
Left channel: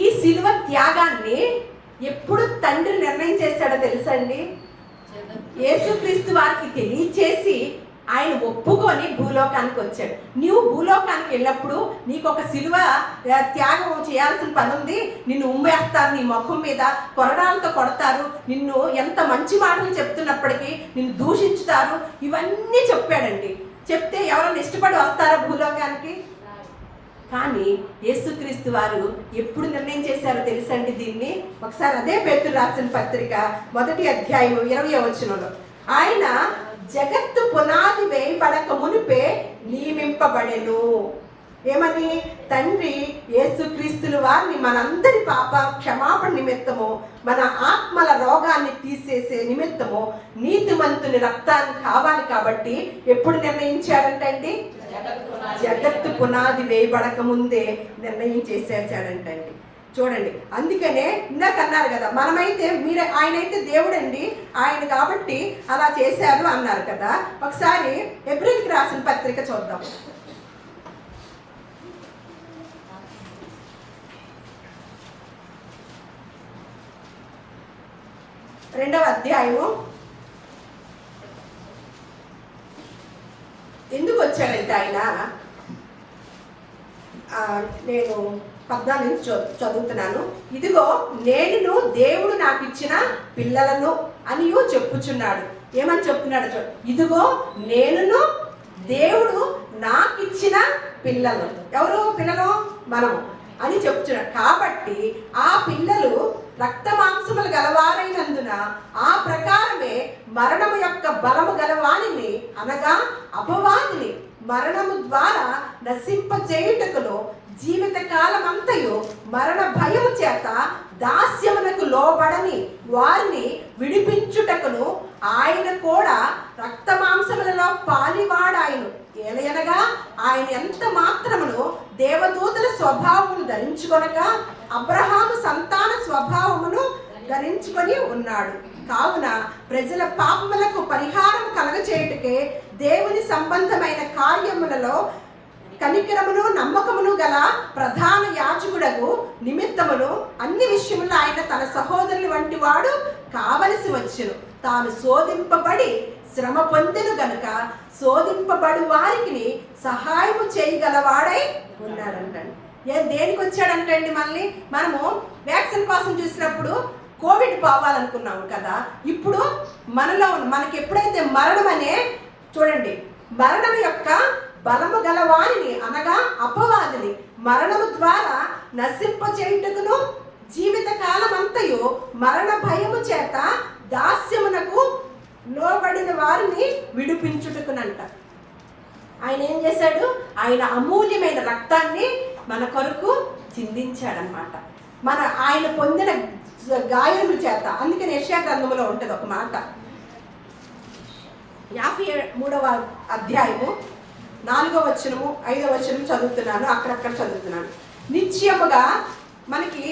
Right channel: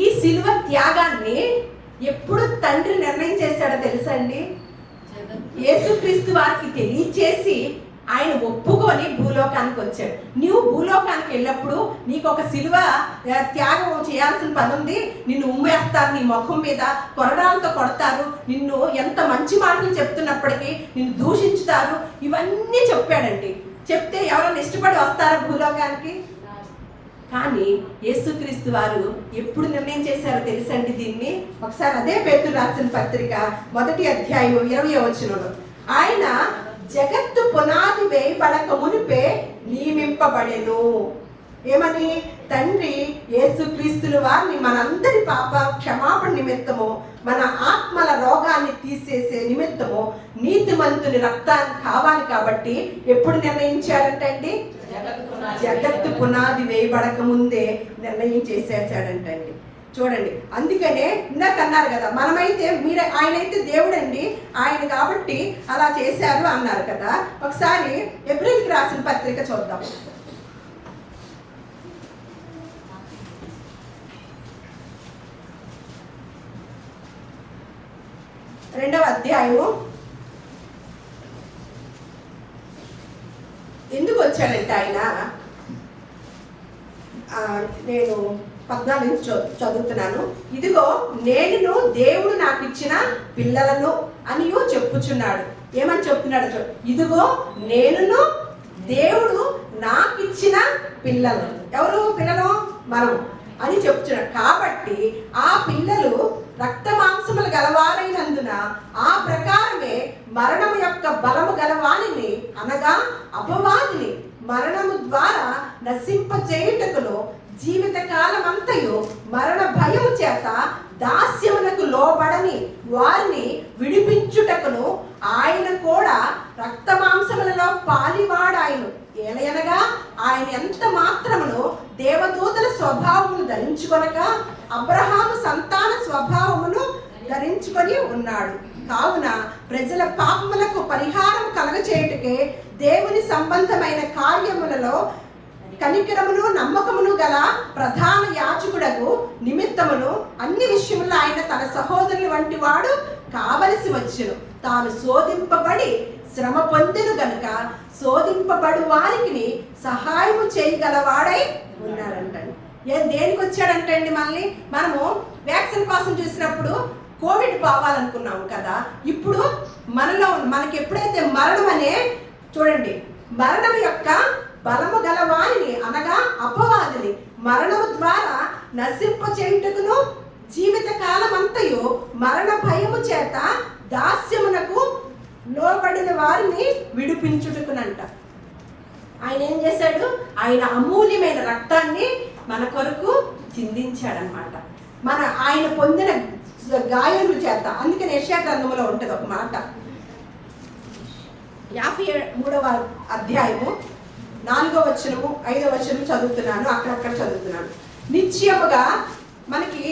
ఈ సిలువ త్యాగాన్ని ఎప్పుడు తండ్రి నిర్ణయం చేశాడో తెలుసా అండి? యేసుక్రీస్తు వారికి తెలియచేసి ఆయన ఒప్పుకొని భూలోకానికి వచ్చాడు. నువ్వు భూలోకానికి వెళ్ళినప్పుడు నీకు ఒక సిలువ త్యాగం చేయాల్సిన పని ఉంది. నిన్ను ఉమ్మేస్తారు, నీ ముఖం మీద కొరడాలతో కొడతారు, నిన్ను ఎంత మంచి మాటలు చెప్తున్నప్పటికీ నిన్ను దూషించుతారు, ఇవన్నీ చెప్పాడండి. చెప్తే ఎవరైనా ఇష్టపడి వస్తారా భూలోకానికి? కానీ యేసుక్రీస్తు వారు ఎప్పుడు నిర్ణయం చేశారో తెలుసండి దీన్ని? ఒకసారి అదే పేతురు రాసిన పత్రిక 1వ అధ్యాయం 20వ వచనంలో, ఆయన జగత్తు పునాది వేయబడక మునిపే నియమింపబడెను. ఏమని? తండ్రి యేసుక్రీస్తుల వారిని మనందరి పాప క్షమాపణ నిమిత్తము, మన ఆత్మల రోగాన్ని తీసేసే నిమిత్తము నీతిమంతుని రక్తాన్ని కావాలి కాబట్టి ఎప్పుడు నిర్ణయించాడంటండి? జగత్తు పునాది వేయబడక ముందే నిర్ణయం చేసేసాడంటండి. చూడండి, అందుకనే ఇందాక అన్నారు కదా, మనమైతే ఆయనైతే దేవుడండి, ఆయన కాబట్టి అలా చేశారు అన్నారు కదా. ఒకసారి ఎబ్రిల్కి రాసిన పత్రిక చూద్దాం. రెండవ అధ్యాయము. ఎందుకు వచ్చాడంటే ఆయన, నేను 14 నుంచి చదువుతున్నాను. ఇదిగో నేను దేవుడు నాకు ఇచ్చిన పిల్లలను అని చెప్పుచున్నాడు. ఏమని చెప్తున్నాడు? ఇదిగో నేను దేవుడు నాకు ఇచ్చిన పిల్లలు. ఎవరు పిల్లలు? మనము అని చెప్తున్నాడు. కాబట్టి ఆ పిల్లలు రక్త మాంసములు గలవారైనందున ఆ ప్రకారమే మరణము యొక్క బలము గలవాణిని, అనగా అపవాదిని మరణము ద్వారా నశింపచేయుటకును జీవిత కాలమంతయు మరణ భయము చేత దాస్యమునకు లోబడని వారిని విడిపించుటకును ఆయన కూడా రక్త మాంసములలో పాలివాడాయను. ఏలయనగా ఆయన ఎంత మాత్రమును దేవదూతల స్వభావమును ధరించుకొనగా అబ్రహాము సంతాన స్వభావమును ధరించుకొని ఉన్నాడు. కావున ప్రజల పాపములకు పరిహారం కలగచేయుటకే దేవుని సంబంధమైన కార్యములలో కనికరమును నమ్మకమును గల ప్రధాన యాజకుడకు నిమిత్తమును అన్ని విషయములో ఆయన తన సహోదరుల వంటి వాడు కావలసి వచ్చును. తాను శోధింపబడి శ్రమ పొందిను గనుక శోధింపబడి వారికి సహాయము చేయగలవాడై ఉన్నాడంటండి. దేనికి వచ్చాడంటండి? మళ్ళీ మనము వ్యాక్సిన్ కోసం చూసినప్పుడు కోవిడ్ పోవాలనుకున్నాము కదా, ఇప్పుడు మనలో మనకి ఎప్పుడైతే మరణం అనే చూడండి, మరణం యొక్క బలము గల వారిని అనగా అపవాదిని మరణము ద్వారా నశింపచేయుటకును జీవిత కాలమంతయు మరణ భయము చేత దాస్యమునకు లోబడిన వారిని విడిపించుటకునంట. ఆయన ఏం చేశాడు? ఆయన అమూల్యమైన రక్తాన్ని మన కొరకు చిందించాడనమాట. ఆయన పొందిన గాయముల చేత. అందుకని యెషయా గ్రంథంలో ఉంటుంది ఒక మాట, 53వ అధ్యాయము 4వ వచనము 5వ వచనము చదువుతున్నాను, అక్కడక్కడ చదువుతున్నాను. నిశ్చయముగా మనకి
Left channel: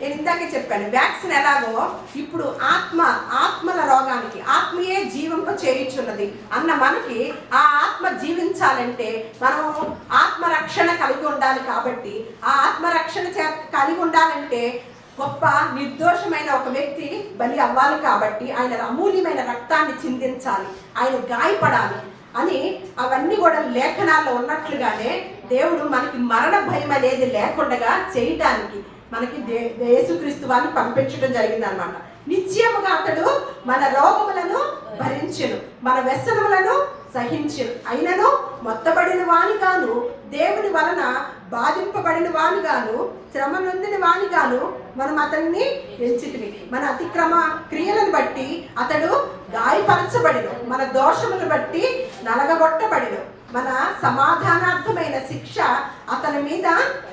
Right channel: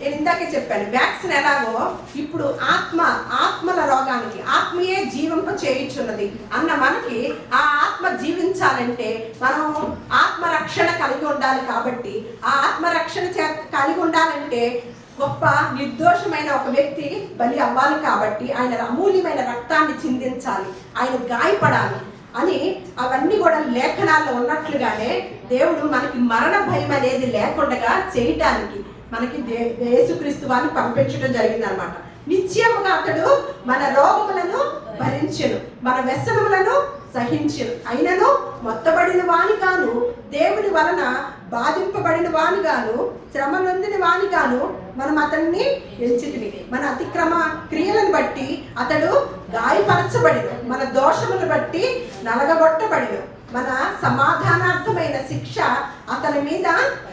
నేను ఇందాకే చెప్పాను, వ్యాక్సిన్ ఎలాగో ఇప్పుడు ఆత్మల రోగానికి ఆత్మయే జీవింప చేయుచున్నది అన్న మనకి ఆ ఆత్మ జీవించాలంటే మనం ఆత్మరక్షణ కలిగి ఉండాలి. కాబట్టి ఆ ఆత్మరక్షణ కలిగి ఉండాలంటే గొప్ప నిర్దోషమైన ఒక వ్యక్తి బలి అవ్వాలి. కాబట్టి ఆయన అమూల్యమైన రక్తాన్ని చిందించాలి, ఆయన గాయపడాలి అని అవన్నీ కూడా లేఖనాల్లో ఉన్నట్లుగానే దేవుడు మనకి మరణ భయం అనేది లేకుండా చేయటానికి మనకి యేసుక్రీస్తు వారిని పంపించడం జరిగింది అనమాట. నిశ్చయముగా అతడు మన రోగములను భరించెను, మన వ్యసనములను సహించెను. అయినను మొత్తబడిన వానిగాను, దేవుని వలన బాధింపబడిన వానిగాను, శ్రమ నొందిన వానిగాను మనం అతన్ని ఎంచితిమి. మన అతిక్రమ క్రియలను బట్టి అతడు గాయపరచబడిను, మన దోషములను బట్టి నలగగొట్టబడిను. మన సమాధానార్థమైన శిక్ష అతని మీద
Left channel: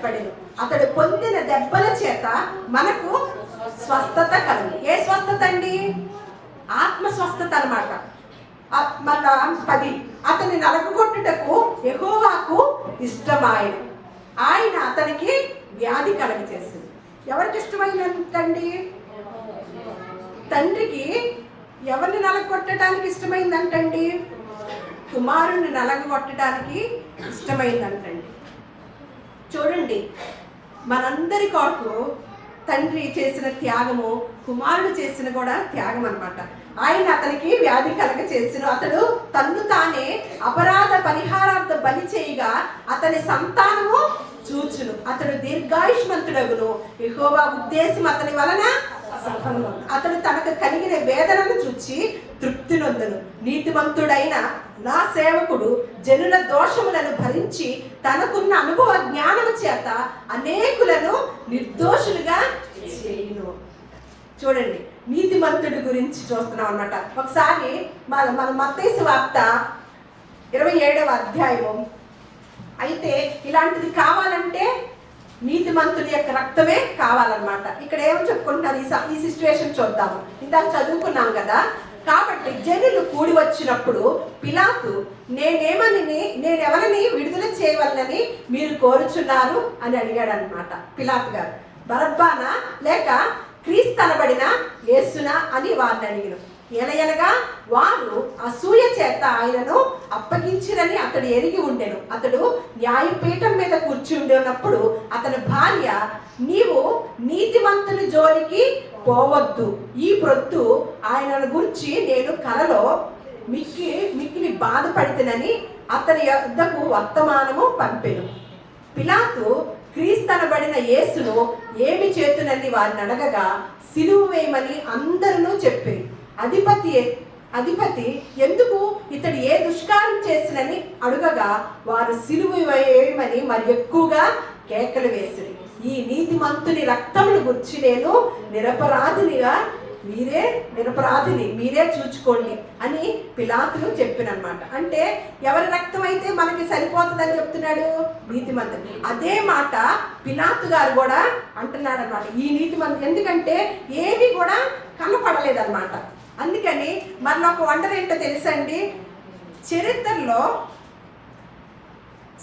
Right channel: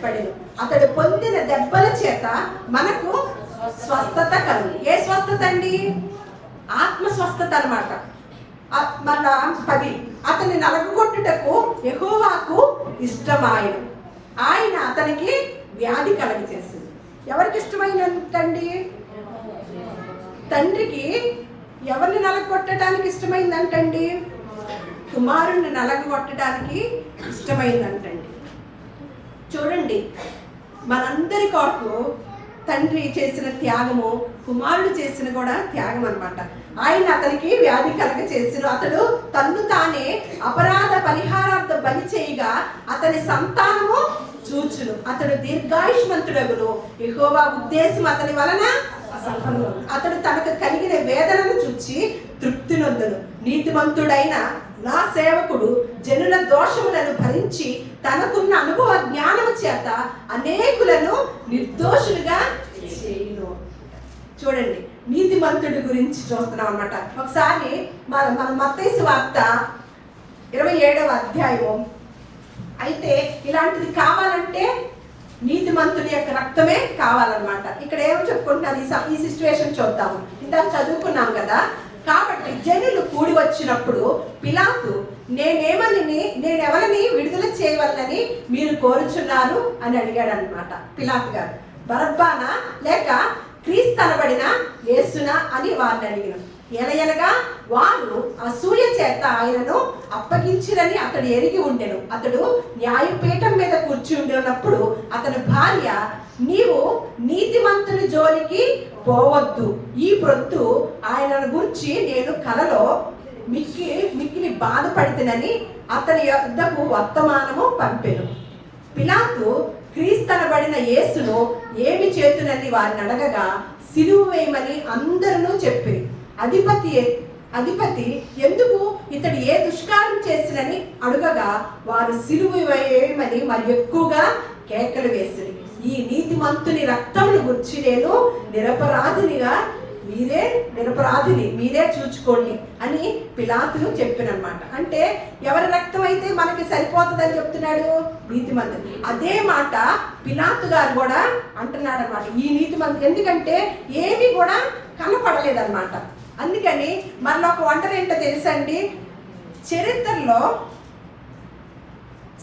పడిను. అతడు పొందిన దెబ్బల చేత మనకు స్వస్థత కలిగి. ఏ స్వస్థత అండి? ఆత్మ స్వస్థత అనమాట. మళ్ళా 10, అతని నలగగొట్టుటకు యెహోవాకు ఇష్టమాయను, ఆయన అతనికి వ్యాధి కలగజేసింది. ఎవరికి ఇష్టమైందంటండి? తండ్రికి ఎవరిని నలగొట్టడానికి ఇష్టమైందంటండి? కుమారుణ్ణి నలగొట్టడానికి ఇష్టమైందంటండి. చూడండి, మనందరి కొరకు తండ్రి చేసిన త్యాగము కుమారుడు చేసిన కూడా త్యాగం అనమాట. ఆయన అతనికి వ్యాధి కలగ చేసిన, అతడు తన్ను తానే అపరాధ పరిహారార్థ బలి చేయగా అతని సంతానము చూచును, అతడు దీర్ఘాయుష్మంతుడగును. యెహోవా ఉద్దేశం అతని వలన సఫలము. అతడు తనకు కలిగిన వేదనను చూచి తృప్తి నొందును. నీతిమంతుడైన నా సేవకుడు జనుల దోషములను భరించి తనకున్న అనుభవ జ్ఞానము చేత అనేకులను నిర్దోషులుగా చేయును. చూడండి, నీతిమంతుడి గురించి చూస్తున్నాం అన్నమాట. ఒకసారి మన మత్తయి సువార్త 27వ అధ్యాయం. అయితే ఇలాంటిది కావాలంటే నీతిమంతుని యొక్క రక్తమే కావాలన్నమాట. ఇక్కడ ఏమో చెప్పుకుంటారు, ఈ సిచ్యువేషన్ చూద్దాము. ఇందాక చదువుకున్నాం కదా. కాబట్టి జనులు కూడి వచ్చినప్పుడు పిలాతు, నేనెవరిని విడుదల చేయవలనని మీరు కోరుచున్నారు అని అడిగాడు అనమాట. పిలాతు గారు బరబ్బానా లేక క్రీస్తు అనబడిన యేసునా అని వారిని అడిగారు. ఎనగా వారు అసూయ చేత ఆయనను అప్పగించిరని అతడు ఎరిగి ఉండెను. అతడు న్యాయపీఠం మీద కూర్చుండినప్పుడు అతని భార్య, నీవు నీతిమంతుని జోలికి పోవద్దు, ఈ ప్రొద్దు ఆయనను గురించి నేను కలలో మిక్కిలి బాధపడితేనని అతని యొద్దకు వర్తమానము పంపెను. పిలాతు క్రీస్తనబడిన యేసును ఏమి చేతునని వారిని అడగగా సిలువ వేయమని అందరూ చెప్పి, అధిపతి ఎందుకు ఇతడు ఏ దుష్కారం చేసినని అడుగగా వారు సిలువ వేయమని మరి ఎక్కువగా కేకలు వేసింది. ఈ నీతిమంతుని రక్తమును గురించి నేను నిరపరాధిని మీరే చూచుకోండి అని పిలాతును చెప్పినమాట. అంటే ఎవరి రక్తం అయితే మనకి సరిపోతుందని చెప్తున్నాడు? నీతిమంతుడు. అదే మాట పిలాతు గారు కూడా అంటున్నాడు అనమాట, ఈ నీతిమంతుడు. ఎందుకంటే ఏమీ కూడా కనపడలేదన్నమాట. అందుకని మనలో ఒక వండర్ ఏంటో తెలుసండి, చరిత్రలో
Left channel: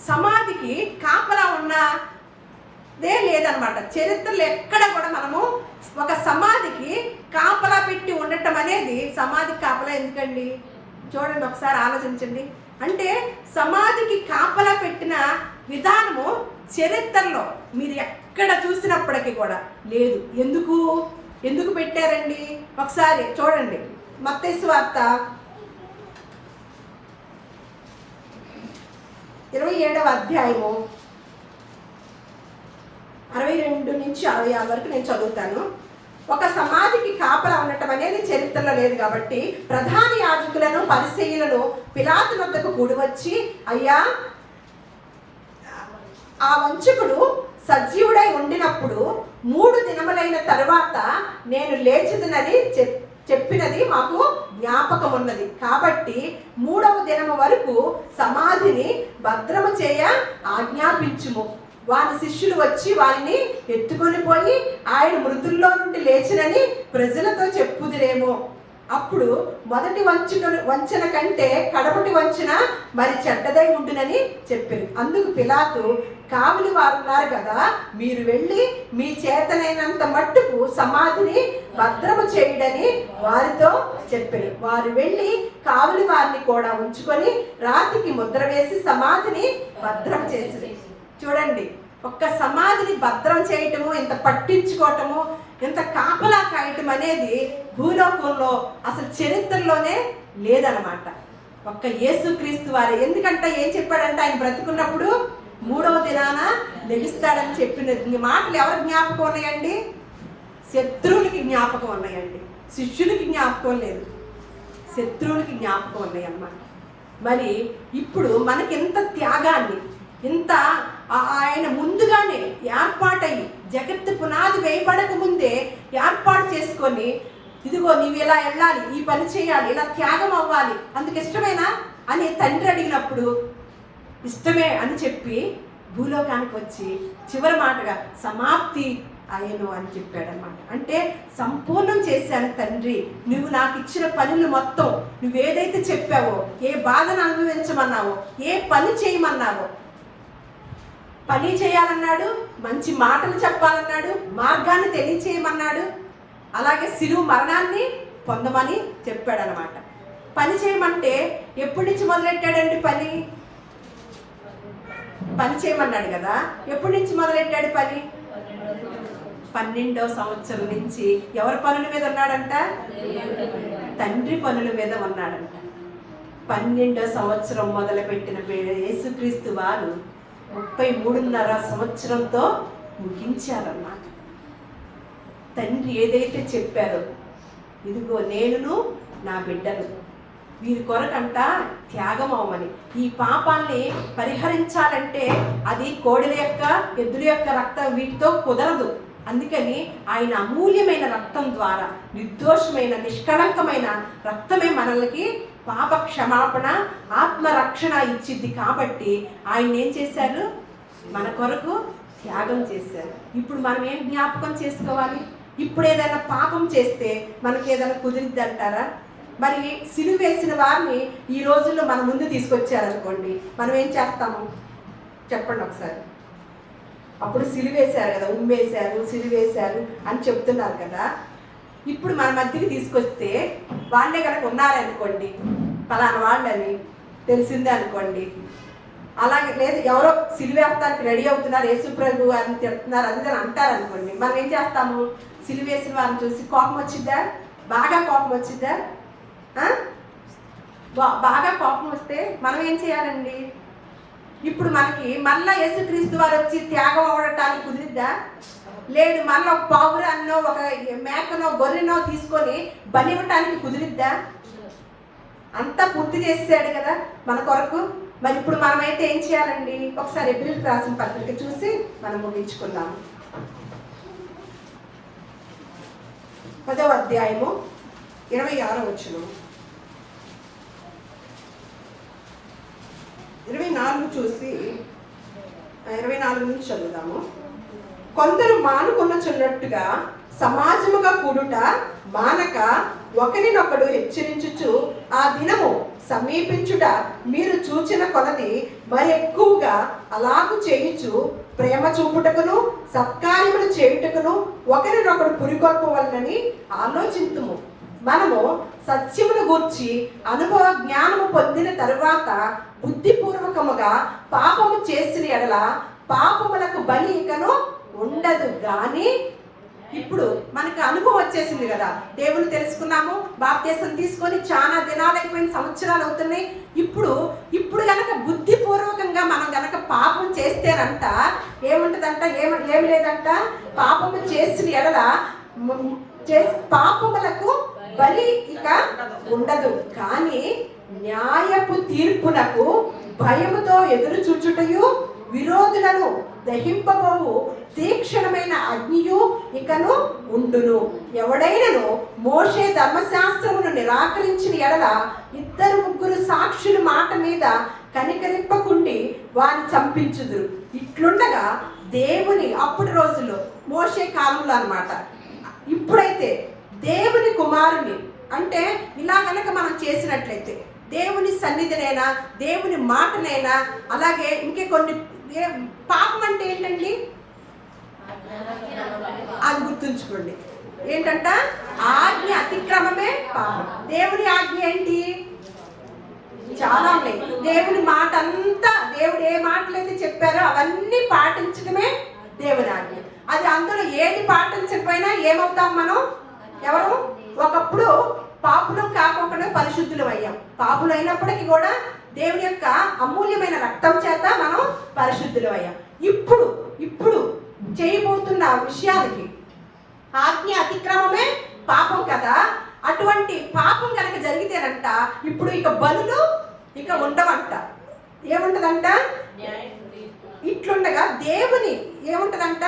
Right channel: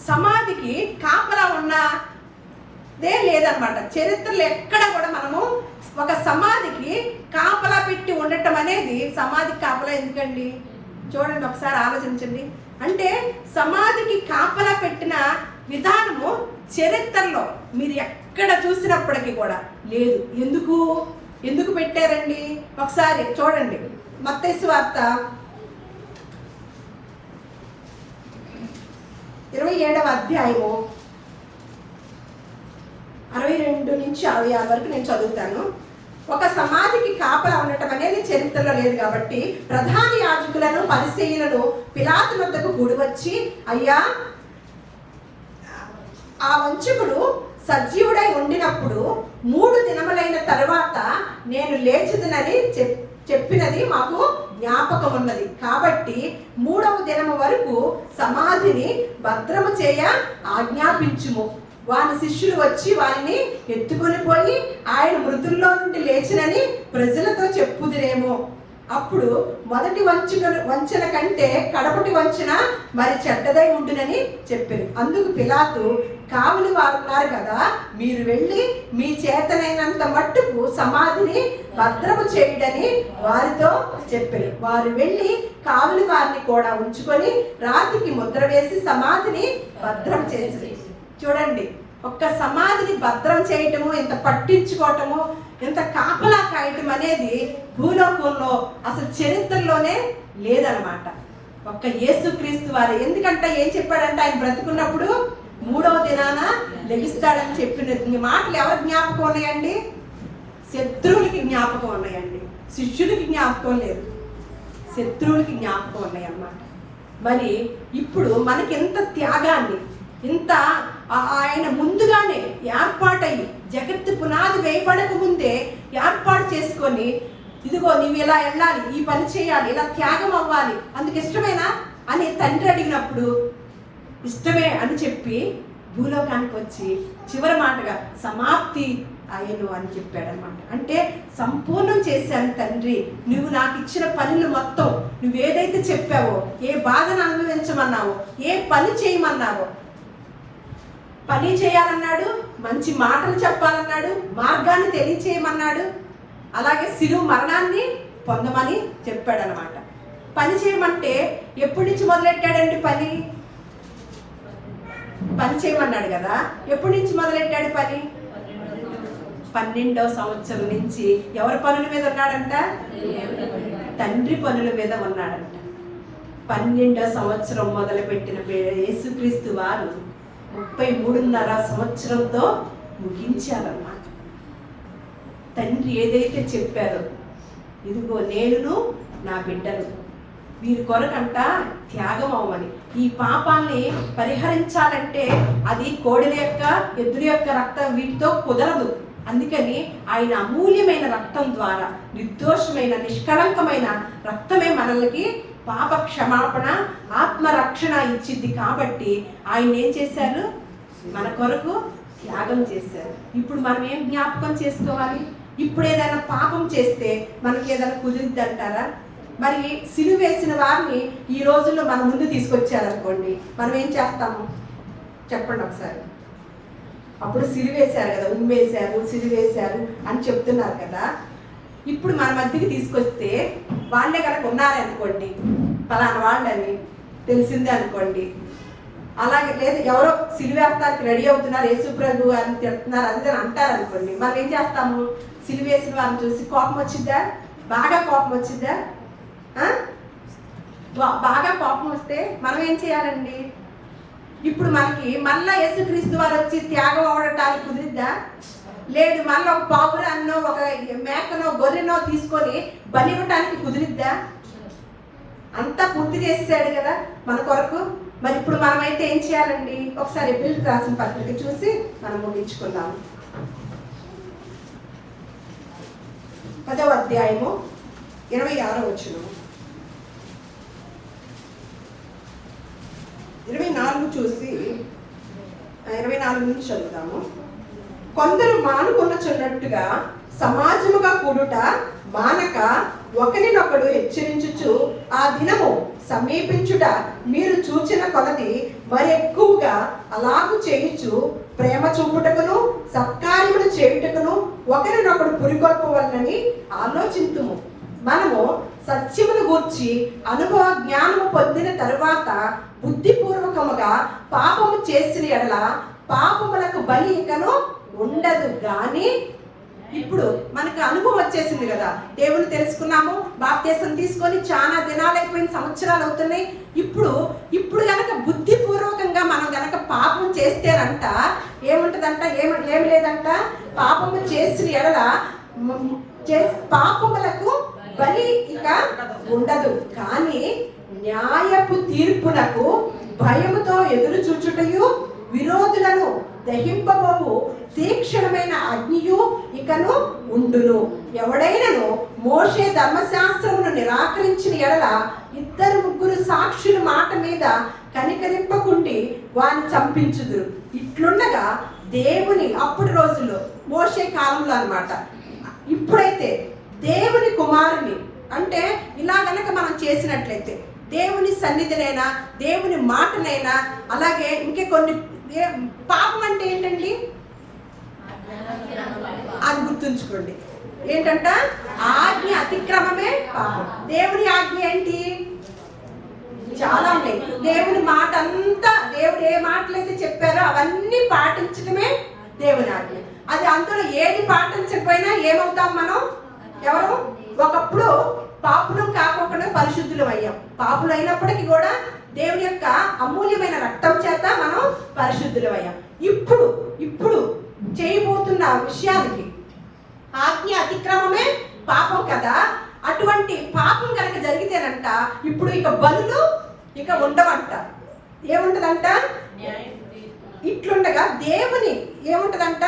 సమాధికి కాపలా ఉన్న లేదనమాట. చరిత్రలో ఎక్కడ కూడా మనము ఒక సమాధికి కాపలా పెట్టి ఉండటం అనేది, సమాధికి కాపలా ఎందుకండి? చూడండి ఒకసారి ఆలోచించండి. అంటే సమాధికి కాపలా పెట్టిన విధానము చరిత్రలో మీరు ఎక్కడ చూసినప్పటికీ కూడా లేదు. ఎందుకు పెట్టారండి? ఒకసారి చూడండి. మత్తయి సువార్త 27వ అధ్యాయము 62 నుంచి 66 వరకు నేను చదువుతాను. ఒక సమాధికి కాపలా ఉండటం అనేది చరిత్రలో లేదు కాబట్టి ప్రధాన యాజకులను పరిసయ్యులను పిలాతు వద్దకు కూడి వచ్చి, అయ్యా, ఆ వంచకుడు సజీవుడై ఉండినప్పుడు 3 దినములైన తరువాత నేను లేచుదనని చెప్పినది మాకు జ్ఞాపకం ఉన్నది. కాబట్టి 3వ దినము వరకు సమాధిని భద్రము చేయ ఆజ్ఞాపించుము. వారి శిష్యులు వచ్చి వారిని ఎత్తుకొని పోయి ఆయన మృతుల్లో నుండి లేచినని ప్రజలతో చెప్పుదురేమో. అప్పుడు మొదటి వంచన కంటే కడపటి వంచన మరి చెడ్డదై ఉండునని చెప్పారు. అందుకు పిలాతు, కావలి వారు ఉన్నారు కదా, మీరు వెళ్ళి మీ చేతనైనంత మట్టుకు సమాధిని భద్రము చేయడని వారితో చెప్పారు. వారు వెళ్ళి కావలి వారిని కూడా ఉంచుకొని రాతికి ముద్ర వేసి సమాధిని భద్రం చేసి. చూడండి, ఒక్క సమాధిని భద్రం చేయటము, ఇంత పట్టించుకోవటము, ఇంత కాపలా కాయటం అనేది భూలోకంలో అసలు చరిత్రలోనే లేదనమాట. ఒక్క యేసుక్రీస్తు వారు. ఎందుకంటే ఏం చెప్పాడంటే, ఆయన బ్రతుకున్నప్పుడు 3వ దినాన లెగిస్తాడని చెప్పిన మాటలు ఎవరికి జ్ఞాపకం ఉన్నాయండి? శత్రువులకి జ్ఞాపకం ఉన్నాయండి. శిష్యులకి జ్ఞాపకం లేదు, శత్రువులకి జ్ఞాపకం ఉన్నాయి అన్నమాట. మరి ఇప్పుడు మనకి ఎంత త్యాగాన్ని, ఇంత ఆయన ముందుగానే ఏర్పాటయ్యి జగత్తు పునాది వేయబడక ముందే ఏర్పాటు చేసుకొని, ఇదిగో నీవు ఇలా వెళ్ళాలి, ఈ పని చేయాలి, ఇలా త్యాగం అవ్వాలి, అందుకు ఇష్టమేనా అని తండ్రి అడిగినప్పుడు ఇష్టమే అని చెప్పి భూలోకానికి వచ్చి చివరి మాటగా సమాప్తి అయ్యను అని చెప్పాడనమాట. అంటే సంపూర్ణం చేశాను తండ్రి, నువ్వు నాకు ఇచ్చిన పనులు మొత్తం, నువ్వేదైతే చెప్పావో, ఏ బాధను అనుభవించమన్నావో, ఏ పని చేయమన్నావో, పని చేయాలన్నాడు, మంచి మాటలు చెప్పాలన్నాడు, మార్గాన్ని తెలియచేయమన్నాడు, అలాగే శిలువ మరణాన్ని పొందమని చెప్పాడు అనమాట. పని చేయమంటే ఎప్పటి నుంచి మొదలెట్టాడండి? పని చేయమన్నాడు కదా, ఎప్పటి నుంచి మొదలెట్టాడు పని? 12వ సంవత్సరం నుంచి. ఎవరి పనుల మీద ఉన్నాడంట? తండ్రి పనుల మీద ఉన్నాడంట. 12వ సంవత్సరం మొదలుపెట్టిన యేసుక్రీస్తు వారు 33.5 సంవత్సరంతో ముగించారన్నమాట. తండ్రి ఏదైతే చెప్పారో, ఇదిగో నేనును నా బిడ్డలు వీరి కొరకంట త్యాగం అవ్వమని, ఈ పాపాన్ని పరిహరించాలంటే అది కోడెల యొక్క, ఎద్దుల యొక్క రక్తం వీటితో కుదరదు. అందుకని ఆయన అమూల్యమైన రక్తం ద్వారా, నిర్దోషమైన నిష్కళంకమైన రక్తమే మనల్ని పాప క్షమాపణ, ఆత్మరక్షణ ఇచ్చింది. కాబట్టి ఆయన ఏం చేశారు? మన కొరకు త్యాగం చేశారు. ఇప్పుడు మనం ఏం జ్ఞాపకం చేసుకోవాలి? ఇప్పుడు ఏదైనా పాపం చేస్తే మనకి ఏదైనా కుదిరిద్ది అంటారా? మరి సిలువ వేసిన వారిని ఈ రోజుల్లో మన ముందు తీసుకొచ్చారనుకోండి, మనం ఏం చేస్తాము చెప్పండి ఒకసారి. అప్పుడు సిలువేశారు కదా, ఉమ్మేశారు, సిలువేశారు అని చెప్తున్నారు కదా. ఇప్పుడు మన మధ్యకి తీసుకొస్తే వాళ్ళే కనుక ఉన్నారనుకోండి, పలానా వాళ్ళని తెలిసిందే అనుకోండి, అలాగే లేదు ఎవరో సిలువేస్తానికి రెడీ అవుతున్నారు, యేసుప్రభు అని చెప్తున్నారు, అది అంటారు అనుకోండి, మనం ఏం చేస్తాము? సిలువేసిన వాళ్ళని చూసి కోపం వచ్చిద్దా? బాగా కోపం వచ్చిద్దా? బాగా కోపం వస్తే మనం ఏం చేయాలండి? ఇప్పుడు మనకి మళ్ళా యేసుక్రీస్తు వారు వచ్చి త్యాగం అవ్వడానికి కుదిరిద్దా? లేదు. మళ్ళీ ఒక పావురాన్నో, ఒక మేకనో, గొర్రెనో తీసుకొని బలి ఇవ్వటానికి కుదిరిద్దా? అంతా పూర్తి చేసాడు కదా మన కొరకు. మరి ఇప్పుడు మనమైతే ఏం చేయాలండి? ఒకసారి ఎబ్రిల్కి రాసిన పత్రిక చూసి మనం ముగించుకుందాం. 10వ అధ్యాయము 26వ వచనం, 24 చూసి 24 నుంచి చదువుదాము. కొందరు మానుకొనుచున్నట్టుగా సమాజముగా కూడుట మానక ఒకరినొకడు హెచ్చరించుచు ఆ దినము సమీపించుట మీరు చూచిన కొలది మరి ఎక్కువగా అలాగు చేయించు ప్రేమ చూపుటకును సత్కార్యములు చేయుటకును ఒకరినొకడు పురికొల్పవలనని ఆలోచింతుము. మనము సత్యమును గూర్చి అనుభవ జ్ఞానము పొందిన తరువాత బుద్ధిపూర్వకముగా పాపము చేసిన ఎడల పాపములకు బలి ఇకను ఉండదు. గాని ఇప్పుడు మనకు అనుభవం వచ్చేసింది కదా, దేవుని తెలుసుకున్నాము, బాప్తీసం తీసుకొని చాలా దినాలైపోయిన, సంవత్సరాలు అవుతున్నాయి. ఇప్పుడు గనక బుద్ధిపూర్వకంగా మనం గనక పాపం చేస్తేనంట ఏముంటదంట, ఏమి లేదంట, పాపము చేసిన ఎడల పాపములకు బలి ఇక ఉండదు. కానీ న్యాయపు తీర్పునకు భయముతో ఎదురు చూచుటయు విరోధులను దహింపబోవు తీక్షణమైన అగ్నియు ఇకను ఉండును. ఎవడైనను మోషే ధర్మశాస్త్రమును నిరాకరించిన ఎడల 2-3 సాక్షుల మాట మీద కనికరింపకుండి వారిని చంపించుదురు. ఇట్లుండగా దేవుని అప్పుడు రోజుల్లో మోషే కాలంలో అన్నమాట. ఇప్పుడైతే దేవుని కుమారుని అంటే ఇలా గనక మనం చేసినట్లయితే దేవుని సన్నిధినైనా దేవుని మాటనైనా అలాగే ఇంకే కొన్ని, పాపం అంటే ఏంటండి అది గుర్తుంచుకోండి. ఏంటంట, ఆజ్ఞ అతిక్రమమే పాపం. దేవుని ఆజ్ఞ ఏంటి? చాలా ఉన్నాయి. దేవుని మాట అంతా, దేవుడు ఏ మాటలైతే చెప్పారో అవన్నీ పాటించడమే దేవుని ఆజ్ఞ. అది అందులో ఏది పాటించకపోయినా ఏమవుతాం మనం? ఎవరు? ఒకప్పుడు పాపులం కాకుండా పరిశుద్ధులు అయ్యాం. పాపులు అయినప్పటికీ కూడా దేవుని యొక్క అమూల్యమైన రక్తం చేత మనం పరిశుద్ధులు అయ్యాం. ఇప్పుడు చేయబోతున్న విషయానికి ఆజ్ఞ అతిక్రమమే పాపం కదా. అటువంటి పాపం కనుక జరిగితేనంట ఇప్పుడు ఇక బలులు ఇక ఉండవంట. ఏముంటదంట? ఇట్లుండగా దేవుని ఏముంటదంట,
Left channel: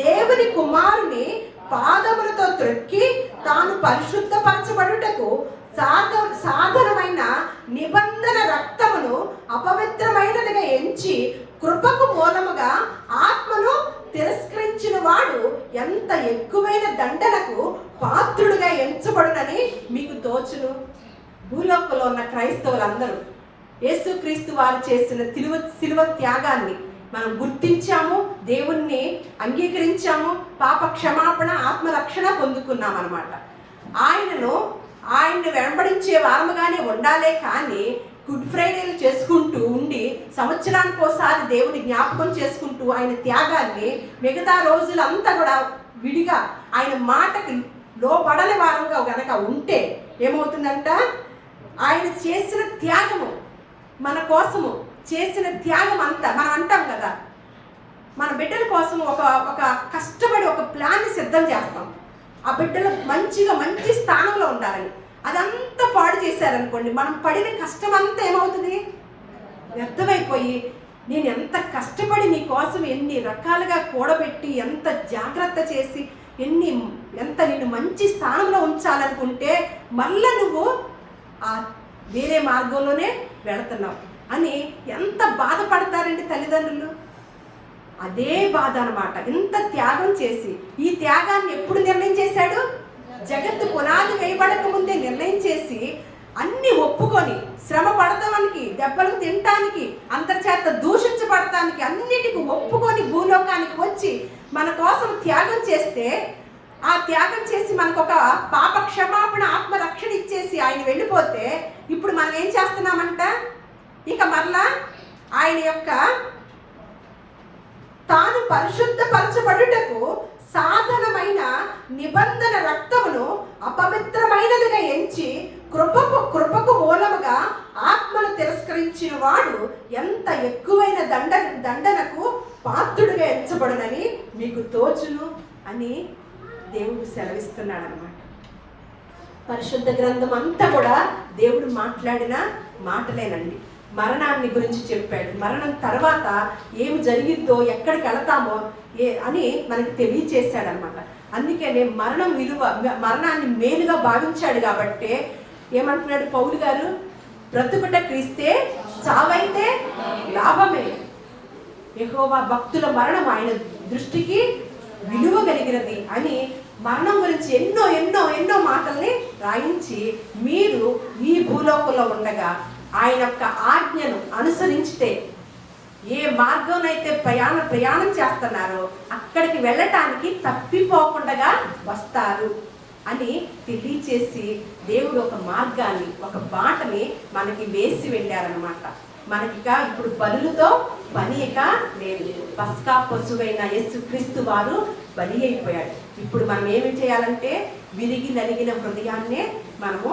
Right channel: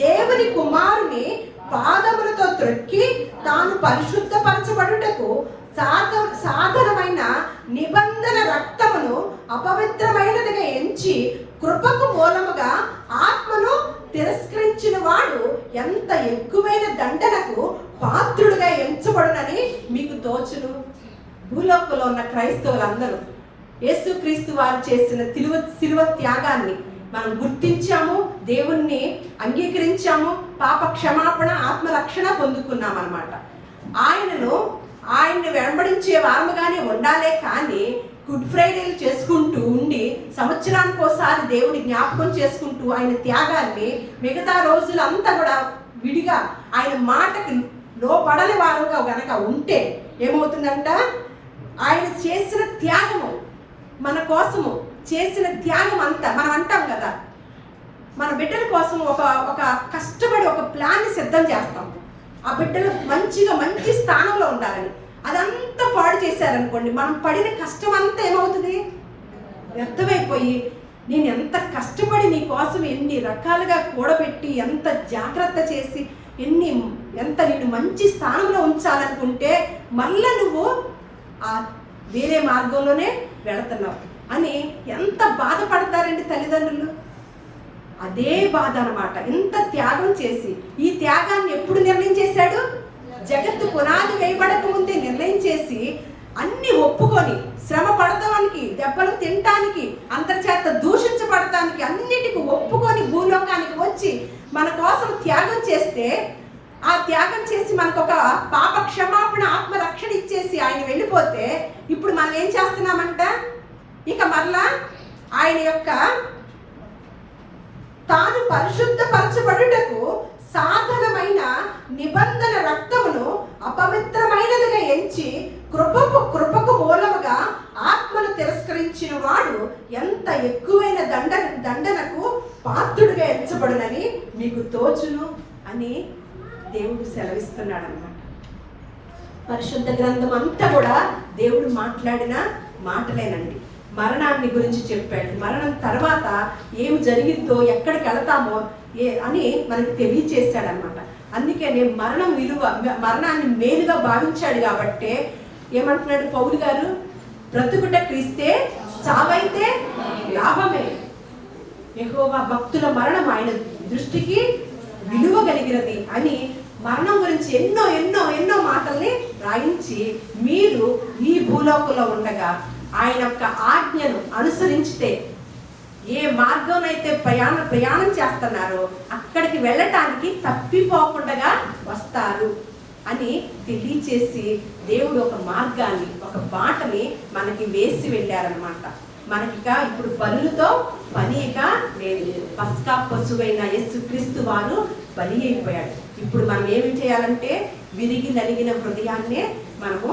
దేవుని కుమారుని పాదములతో త్రొక్కి తాను పరిశుద్ధపరచబడుటకు సాధనమైన నిబంధన రక్తమును అపవిత్రమైనదిగా ఎంచి కృపకు మూలముగా ఆత్మను తిరస్కరించిన వాడు ఎంత ఎక్కువైన దండనకు పాత్రుడుగా ఎంచబడునని మీకు తోచును. భూలోకంలో ఉన్న క్రైస్తవులందరూ యేసుక్రీస్తు వారు చేసిన శిలువ త్యాగాన్ని మనం గుర్తించాము, దేవుణ్ణి అంగీకరించాము, పాప క్షమాపణ, ఆత్మరక్షణ పొందుకున్నాం అన్నమాట. ఆయన్ని వెంబడించే వారముగానే ఉండాలే కానీ గుడ్ ఫ్రైడేలు చేసుకుంటూ ఉండి సంవత్సరానికి ఒకసారి దేవుని జ్ఞాపకం చేసుకుంటూ ఆయన త్యాగాన్ని మిగతా రోజులంతా కూడా విడిగా ఆయన మాటకి లోబడని వారంగా గనక ఉంటే ఏమవుతుందంట, ఆయన చేసిన త్యాగము, మన కోసము చేసిన త్యాగం అంతా మనం అంటాం కదా, మన బిడ్డల కోసం ఒక కష్టపడి ఒక ప్లాన్ని సిద్ధం చేస్తాం. ఆ బిడ్డలు మంచి స్థానంలో ఉండాలని అదంతా పాడు చేశారనుకోండి, మనం పడిన కష్టం అంతా ఏమవుతుంది? వ్యర్థమైపోయి, నేను ఎంత కష్టపడి నీ కోసం ఎన్ని రకాలుగా కూడబెట్టి ఎంత జాగ్రత్త చేసి ఎంత నిన్ను మంచి స్థానంలో ఉంచాలనుకుంటే మళ్ళా నువ్వు ఆ వేరే మార్గంలోనే వెళుతున్నావు అని ఎంత బాధపడతారండి తల్లిదండ్రులు. అదే బాధ అన్నమాట. ఎంత త్యాగం చేసి, ఈ త్యాగాన్ని ఎప్పుడు నిర్ణయం చేశాడు? జగత్తు పునాది వేయబడక ముందే నిర్ణయం చేసి అన్ని ఒప్పుకొని శ్రమ పడతానికి, దెబ్బలు తినటానికి, అంతర్చేత దూషించబడటానికి అన్నిటికీ ఒప్పుకొని భూలోకానికి వచ్చి మన కోసం త్యాగం చేస్తే, ఆ త్యాగం చేసి మనకు ఒక పాప క్షమాపణ, ఆత్మరక్షణ ఇచ్చేసి ఆయన వెళ్ళిపోతే ఇప్పుడు మనం ఏం చేస్తున్నామంట, ఇక మరలా ఆయన యొక్క తాను పరిశుద్ధపరచబడుటకు సాధనమైన నిబంధన రక్తమును అపవిత్రమైనదిగా ఎంచి కృపకు మూలముగా ఆత్మను తిరస్కరించిన వాడు ఎంత ఎక్కువైన దండనకు పాత్రుడిగా ఎంచబడునని మీకు తోచును అని దేవుడు సెలవిస్తున్నాడు అన్నమాట. పరిశుద్ధ గ్రంథం అంతా కూడా దేవుడు మాట్లాడిన మాటలేనండి. మరణాన్ని గురించి చెప్పాడు, మరణం తర్వాత ఏమి జరిగిందో, ఎక్కడికి వెళతామో అని మనకి తెలియచేశాడు అనమాట. అందుకనే మరణాన్ని మేలుగా భావించాడు కాబట్టే ఏమంటున్నాడు పౌలు గారు, బ్రతుకుట క్రీస్తే, చావైతే లాభమే. యెహోవా భక్తుల మరణం ఆయన దృష్టికి విలువ కలిగినది అని మరణం గురించి ఎన్నో ఎన్నో ఎన్నో మాటల్ని రాయించి, మీరు ఈ భూలోకంలో ఉండగా ఆయన యొక్క ఆజ్ఞను అనుసరించితే ఏ మార్గంలో ప్రయాణం చేస్తున్నారో అక్కడికి వెళ్ళటానికి తప్పిపోకుండా వస్తారు అని తెలియచేసి దేవుడు ఒక మార్గాన్ని, ఒక బాటని మనకి వేసి వెళ్ళారనమాట. మనకిక ఇప్పుడు బలులతో పని ఇక లేదు. పస్కా పశువైన యేసుక్రీస్తు వారు బలి అయిపోయాడు. ఇప్పుడు మనం ఏమి చేయాలంటే విరిగి నలిగిన హృదయాన్నే మనము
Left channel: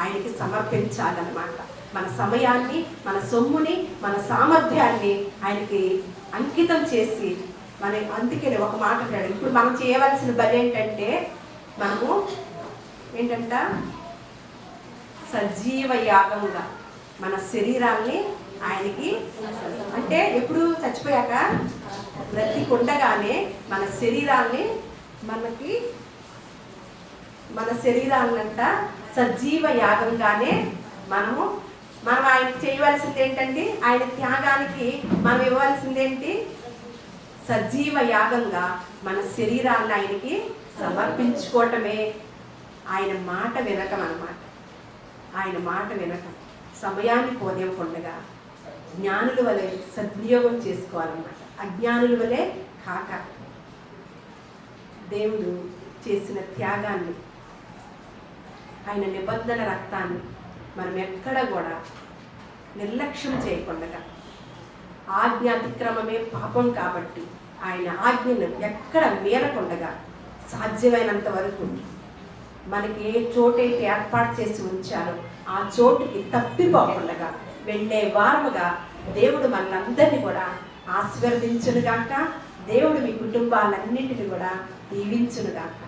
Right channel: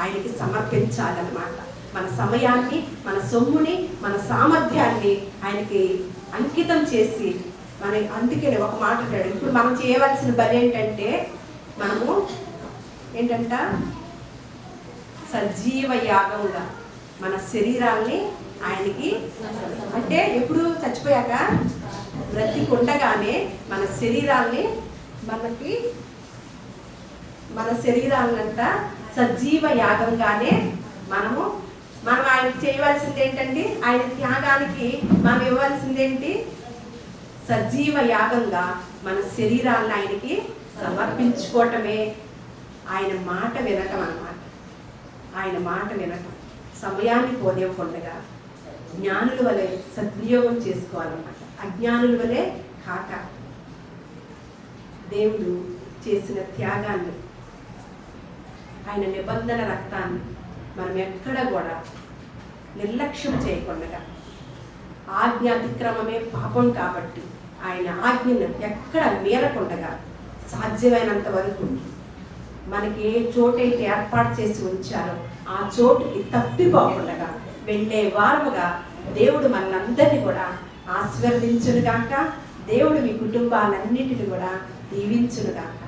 ఆయనకి సమర్పించాలన్నమాట. మన సమయాన్ని, మన సొమ్ముని, మన సామర్థ్యాన్ని ఆయనకి అంకితం చేసి అందుకని ఒక మాట అంటాడు, ఇప్పుడు మనం చేయవలసిన బలి ఏంటంటే మనము సజీవ యాగంగా మన శరీరాల్ని ఆయనకి, అంటే ఎప్పుడు చచ్చిపోయాక బ్రతికుండగానే మన శరీరాలంట సజీవ యాగంగానే మనం ఆయనకి చేయవలసింది ఏంటండి, ఆయన త్యాగానికి మనం ఇవ్వాల్సిందేంటి, సజీవ యాగంగా మన శరీరాలను ఆయనకి సమర్పించుకోవటమే. ఆయన మాట వినటం అన్నమాట. ఆయన మాట వినటం, సమయాన్ని పోదేవకుండగా జ్ఞానుల వలె సద్వినియోగం చేసుకోవాలన్నమాట. అజ్ఞానుల వలె కాక దేవుడు చేసిన త్యాగాన్ని, ఆయన నిబంధన రక్తాన్ని మనం ఎక్కడ కూడా నిర్లక్ష్యం చేయకుండా, ఆజ్ఞ అతిక్రమమే పాపం కాబట్టి ఆయన ఆజ్ఞను ఎక్కడ మీరకుండగా సాధ్యమైనంత వరకు మనకి ఏ చోటైతే ఏర్పాటు చేసి ఉంచారో ఆ చోటుకి తప్పిపోకుండా వెళ్ళే వారముగా దేవుడు మనందరినీ కూడా ఆశీర్వదించునుగాక. దేవుడు మీ కుటుంబాలన్నిటిని కూడా దీవించునుగాక.